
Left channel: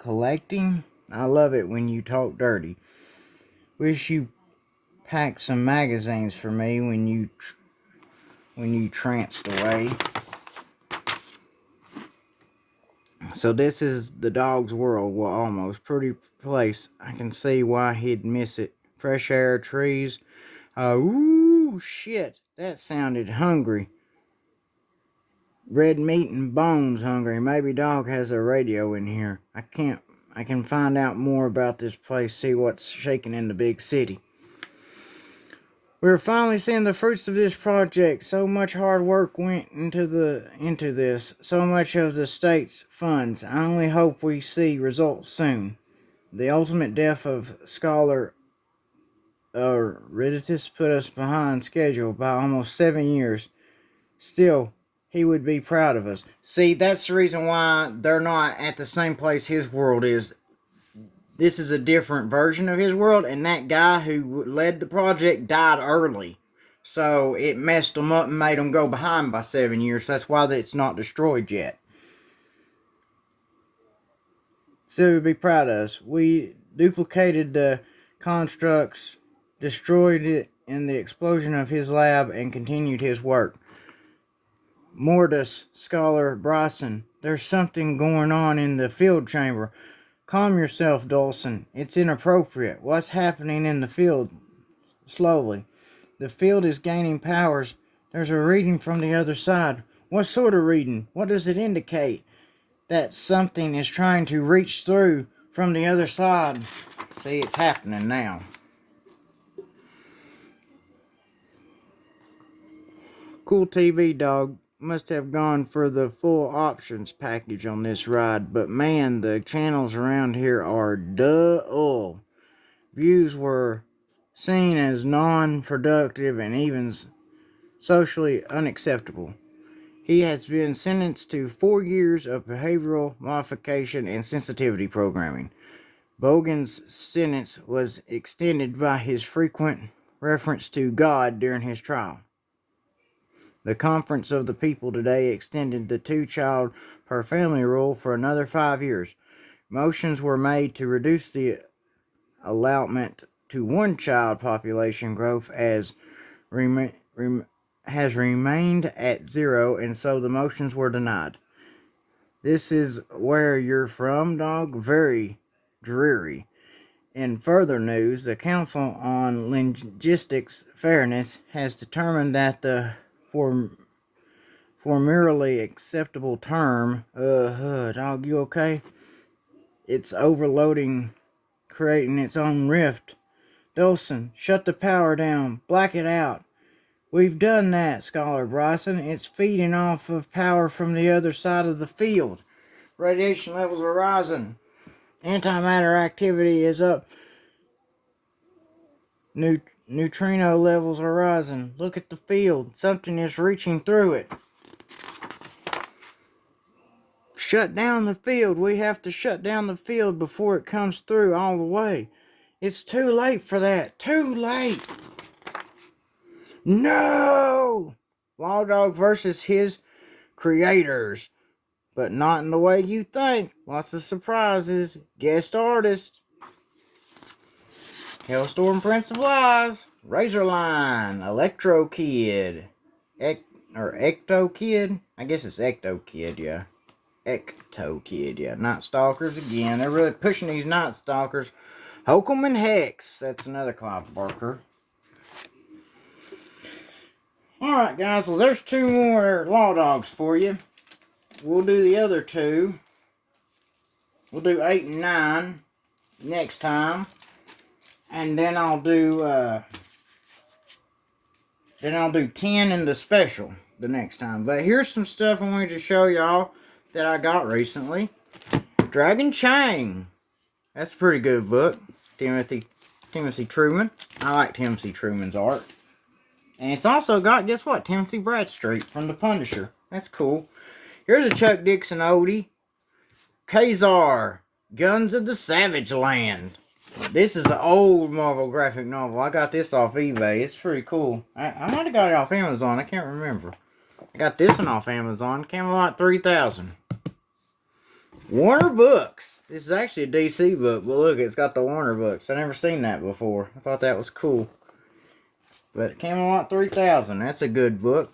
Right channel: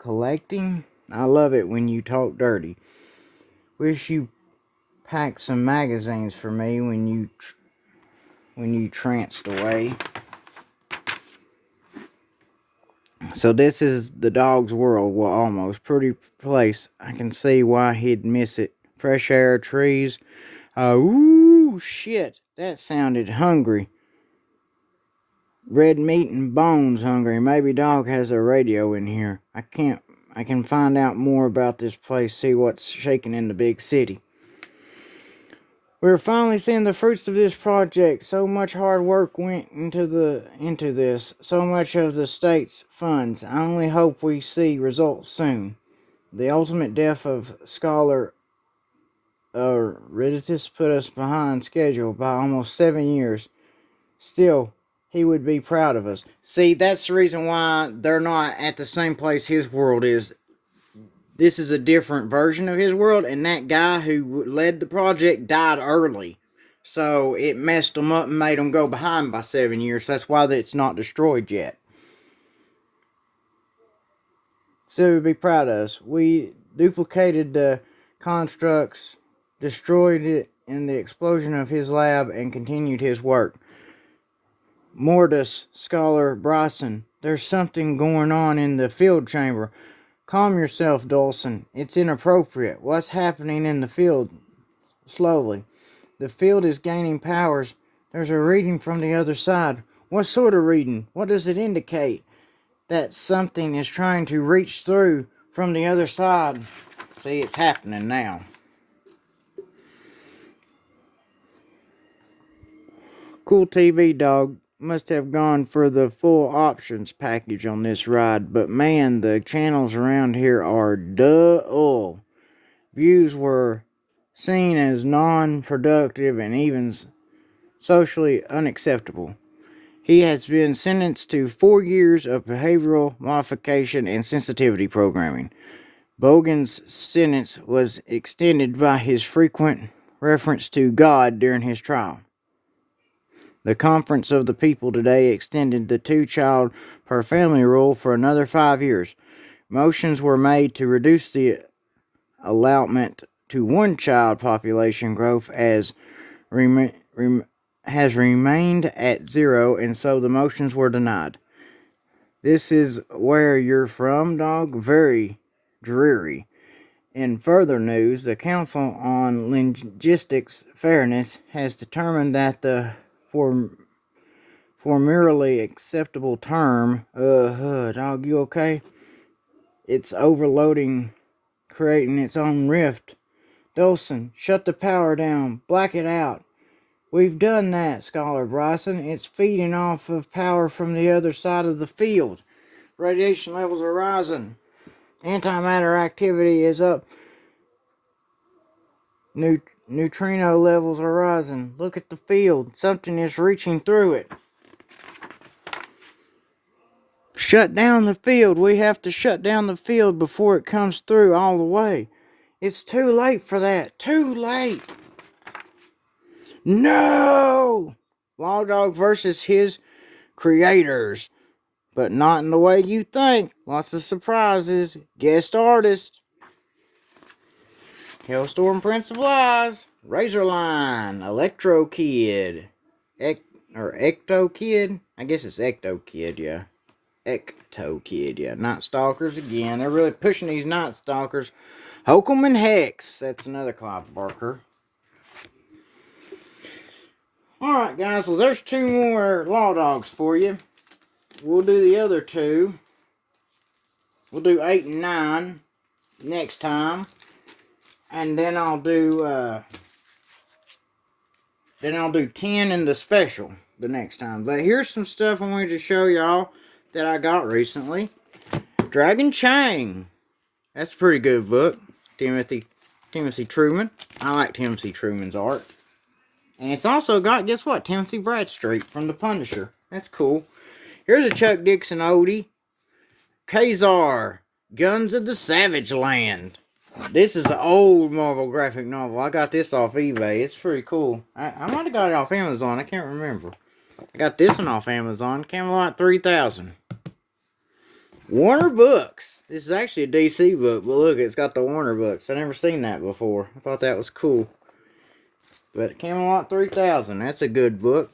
Collecting? I love it when you talk dirty. Wish you packed some magazines for me when you tranced away. So this is the dog's world. Well, almost. Pretty place. I can see why he'd miss it. Fresh air, trees. Ooh, shit. That sounded hungry. Red meat and bones hungry. Maybe dog has a radio in here. I can find out more about this place, see what's shaking in the big city. We're finally seeing the fruits of this project. So much hard work went into this. So much of the state's funds. I only hope we see results soon. The ultimate death of Scholar Riditus put us behind schedule by almost 7 years. Still, he would be proud of us. See, that's the reason why they're not at the same place his world is. This is a different version of his world, and that guy who led the project died early. So it messed him up and made him go behind by 7 years. That's why it's not destroyed yet. So he'd be proud of us. We duplicated the constructs, destroyed it in the explosion of his lab, and continued his work. Mortis, Scholar Bryson, there's something going on in the field chamber. Calm yourself, Dawson. It's inappropriate. What's happening in the field? Slowly. The field is gaining powers. There's a reading from the other side. What sort of reading? What does it indicate? That something is trying to reach through from the other side. See, it's happening now. Cool TV, dog. Must have gone for the full options package on this ride, but man, the channels around here are dull. Views were seen as non-productive and even socially unacceptable. He has been sentenced to 4 years of behavioral modification and sensitivity programming. Bogan's sentence was extended by his frequent reference to God during his trial. The Conference of the People today extended the 2-child per family rule for another 5 years. Motions were made to reduce the allotment to 1-child population growth has remained at 0, and so the motions were denied. This is where you're from, dog? Very dreary. In further news, the Council on Linguistics Fairness has determined that the formerly acceptable term, dog, you okay? It's overloading, creating its own rift. Dawson, shut the power down. Black it out. We've done that, Scholar Bryson. It's feeding off of power from the other side of the field. Radiation levels are rising. Antimatter activity is up. Neutrino levels are rising. Look at the field. Something is reaching through it. Shut down the field. We have to shut down the field before it comes through all the way. It's too late for that. Too late. No! Lawdog versus his creators. But not in the way you think. Lots of surprises. Guest artists. Hellstorm Prince of Lies. Razorline. Electro Kid. Ecto Kid? I guess it's Ecto Kid, yeah. Ecto Kid, yeah. Night Stalkers again. They're really pushing these Night Stalkers. Hokum and Hex. That's another Clive Barker. Alright, guys. Well, there's 2 more Law Dogs for you. We'll do the other 2. We'll do 8 and 9 next time. And then I'll do 10 in the special the next time. But here's some stuff I wanted to show y'all that I got recently. Dragon Chang. That's a pretty good book. Timothy Truman. I like Timothy Truman's art. And it's also got, guess what? Timothy Bradstreet from The Punisher. That's cool. Here's a Chuck Dixon oldie. Kazar. Guns of the Savage Land. This is an old Marvel graphic novel. I got this off eBay. It's pretty cool. I might have got it off Amazon. I can't remember. I got this one off Amazon. Camelot 3000. Warner Books. This is actually a DC book, but look, it's got the Warner Books. I've never seen that before. I thought that was cool. But Camelot 3000, that's a good book.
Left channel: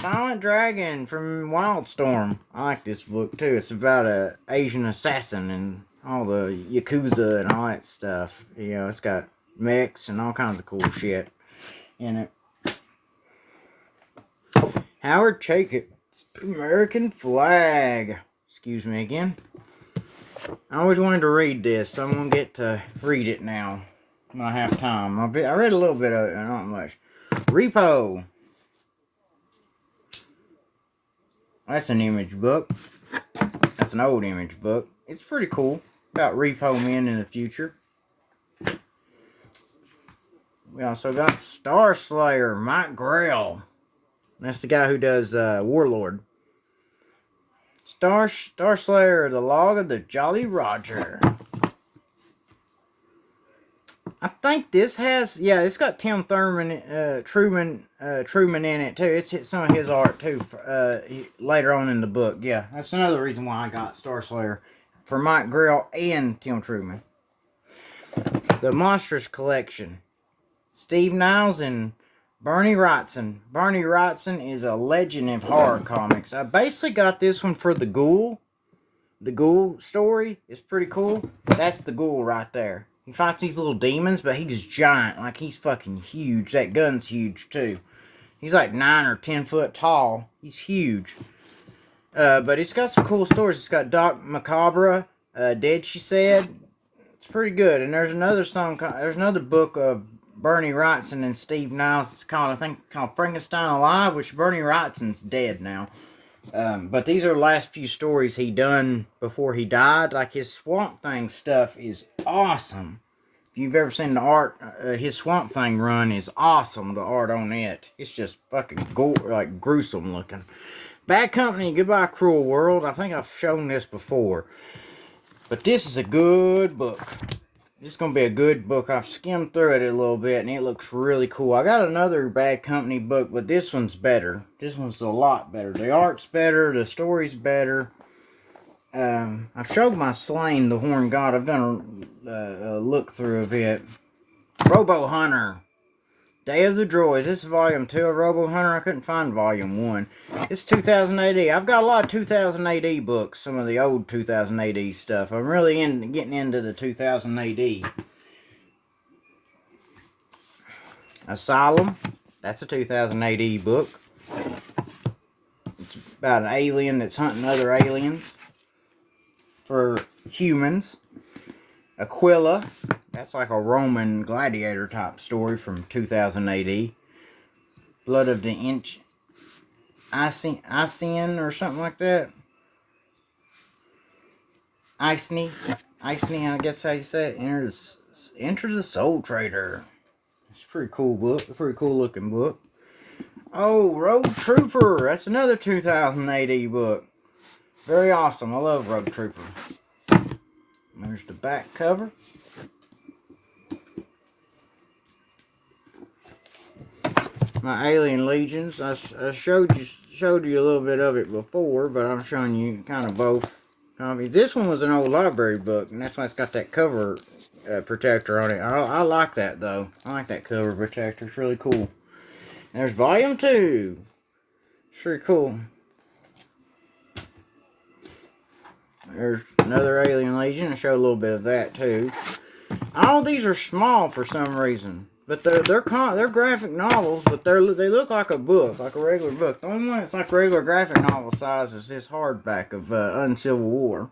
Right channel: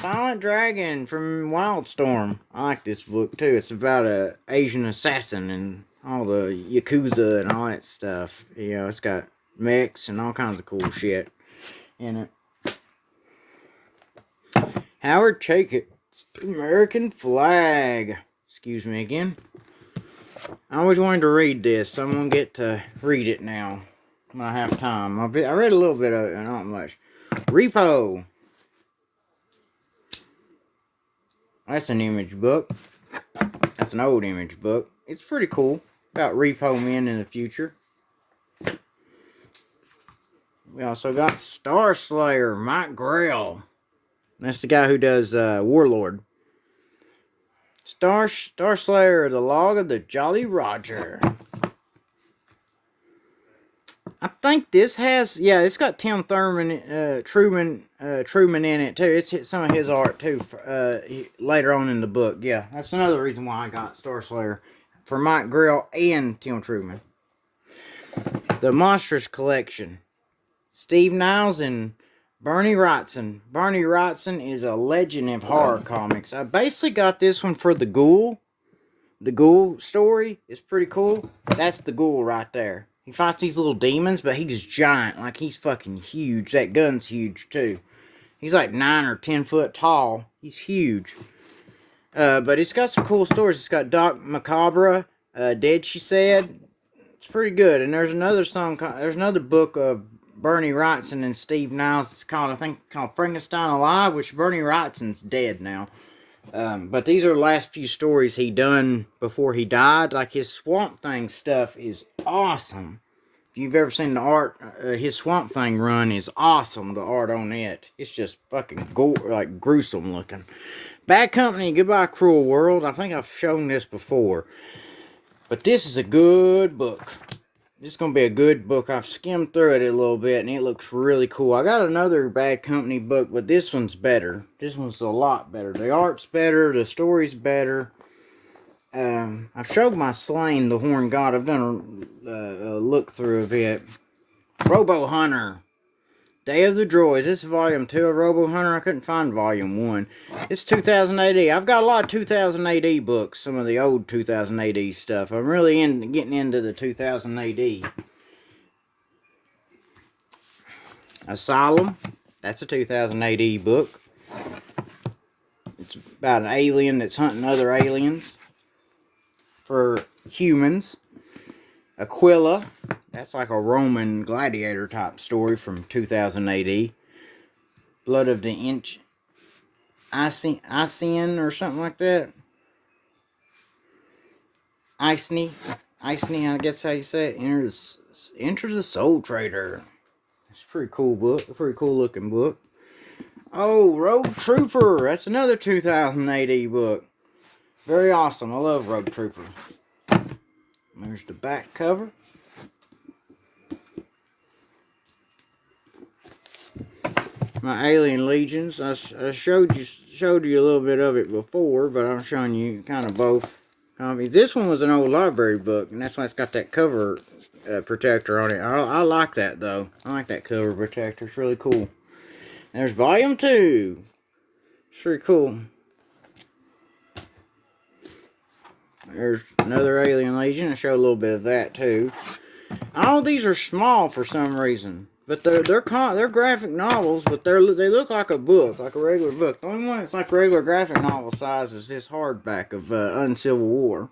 Silent Dragon from Wildstorm. I like this book too. It's about an Asian assassin and all the Yakuza and all that stuff. You know, it's got mechs and all kinds of cool shit in it. Howard Chaykin's American Flag. Excuse me again. I always wanted to read this, so I'm going to get to read it now when I have time. I read a little bit of it, not much. Repo. That's an image book. That's an old image book. It's pretty cool. About repo men in the future. We also got Star Slayer, Mike Grell. That's the guy who does Warlord. Star Slayer, the Log of the Jolly Roger. I think this has, yeah, it's got Tim Truman in it too. It's some of his art too. Later on in the book, yeah, that's another reason why I got Star Slayer for Mike Grell and Tim Truman. The Monstrous Collection, Steve Niles and Bernie Wrightson. Bernie Wrightson is a legend of horror comics. I basically got this one for the Ghoul, The ghoul story is pretty cool. That's the ghoul right there. He fights these little demons, but he's giant. Like, he's fucking huge. That gun's huge, too. He's like 9 or 10 foot tall. He's huge. But it's got some cool stories. It's got Doc Macabre, Dead She Said. It's pretty good. And there's another song, there's another book of Bernie Wrightson and Steve Niles. It's called, I think, Frankenstein Alive, which Bernie Wrightson's dead now. But these are the last few stories he done before he died. Like, his Swamp Thing stuff is awesome. If you've ever seen the art, his Swamp Thing run is awesome. The art on it, it's just fucking like gruesome looking. Bad Company, Goodbye Cruel World. I think I've shown this before, but this is a good book. This is going to be a good book. I've skimmed through it a little bit, and it looks really cool. I got another Bad Company book, but this one's better. This one's a lot better. The art's better. The story's better. I've showed my Slain, the Horn God. I've done a look through of it. Robo Hunter. Day of the Droids. This is volume 2 of Robo Hunter. I couldn't find volume 1. It's 2000 AD. I've got a lot of 2000 AD books. Some of the old 2000 AD stuff. I'm really getting into the 2000 AD. Asylum. That's a 2000 AD book. It's about an alien that's hunting other aliens for humans. Aquila. That's like a Roman gladiator type story from 2000 AD. Blood of the Inch. Icen or something like that. Iceny, I guess how you say it. Enter the Soul Trader. It's a pretty cool book. A pretty cool looking book. Oh, Road Trooper. That's another 2000 AD book. Very awesome. I love Road Trooper. There's the back cover. My Alien Legions. I showed you a little bit of it before, but I'm showing you kind of both. This one was an old library book, and that's why it's got that cover protector on it. I like that, though. I like that cover protector. It's really cool. And there's volume 2. It's pretty cool. There's another Alien Legion. I show a little bit of that, too. All these are small for some reason. But they're graphic novels, but they look like a book, like a regular book. The only one that's like regular graphic novel size is this hardback of Uncivil War.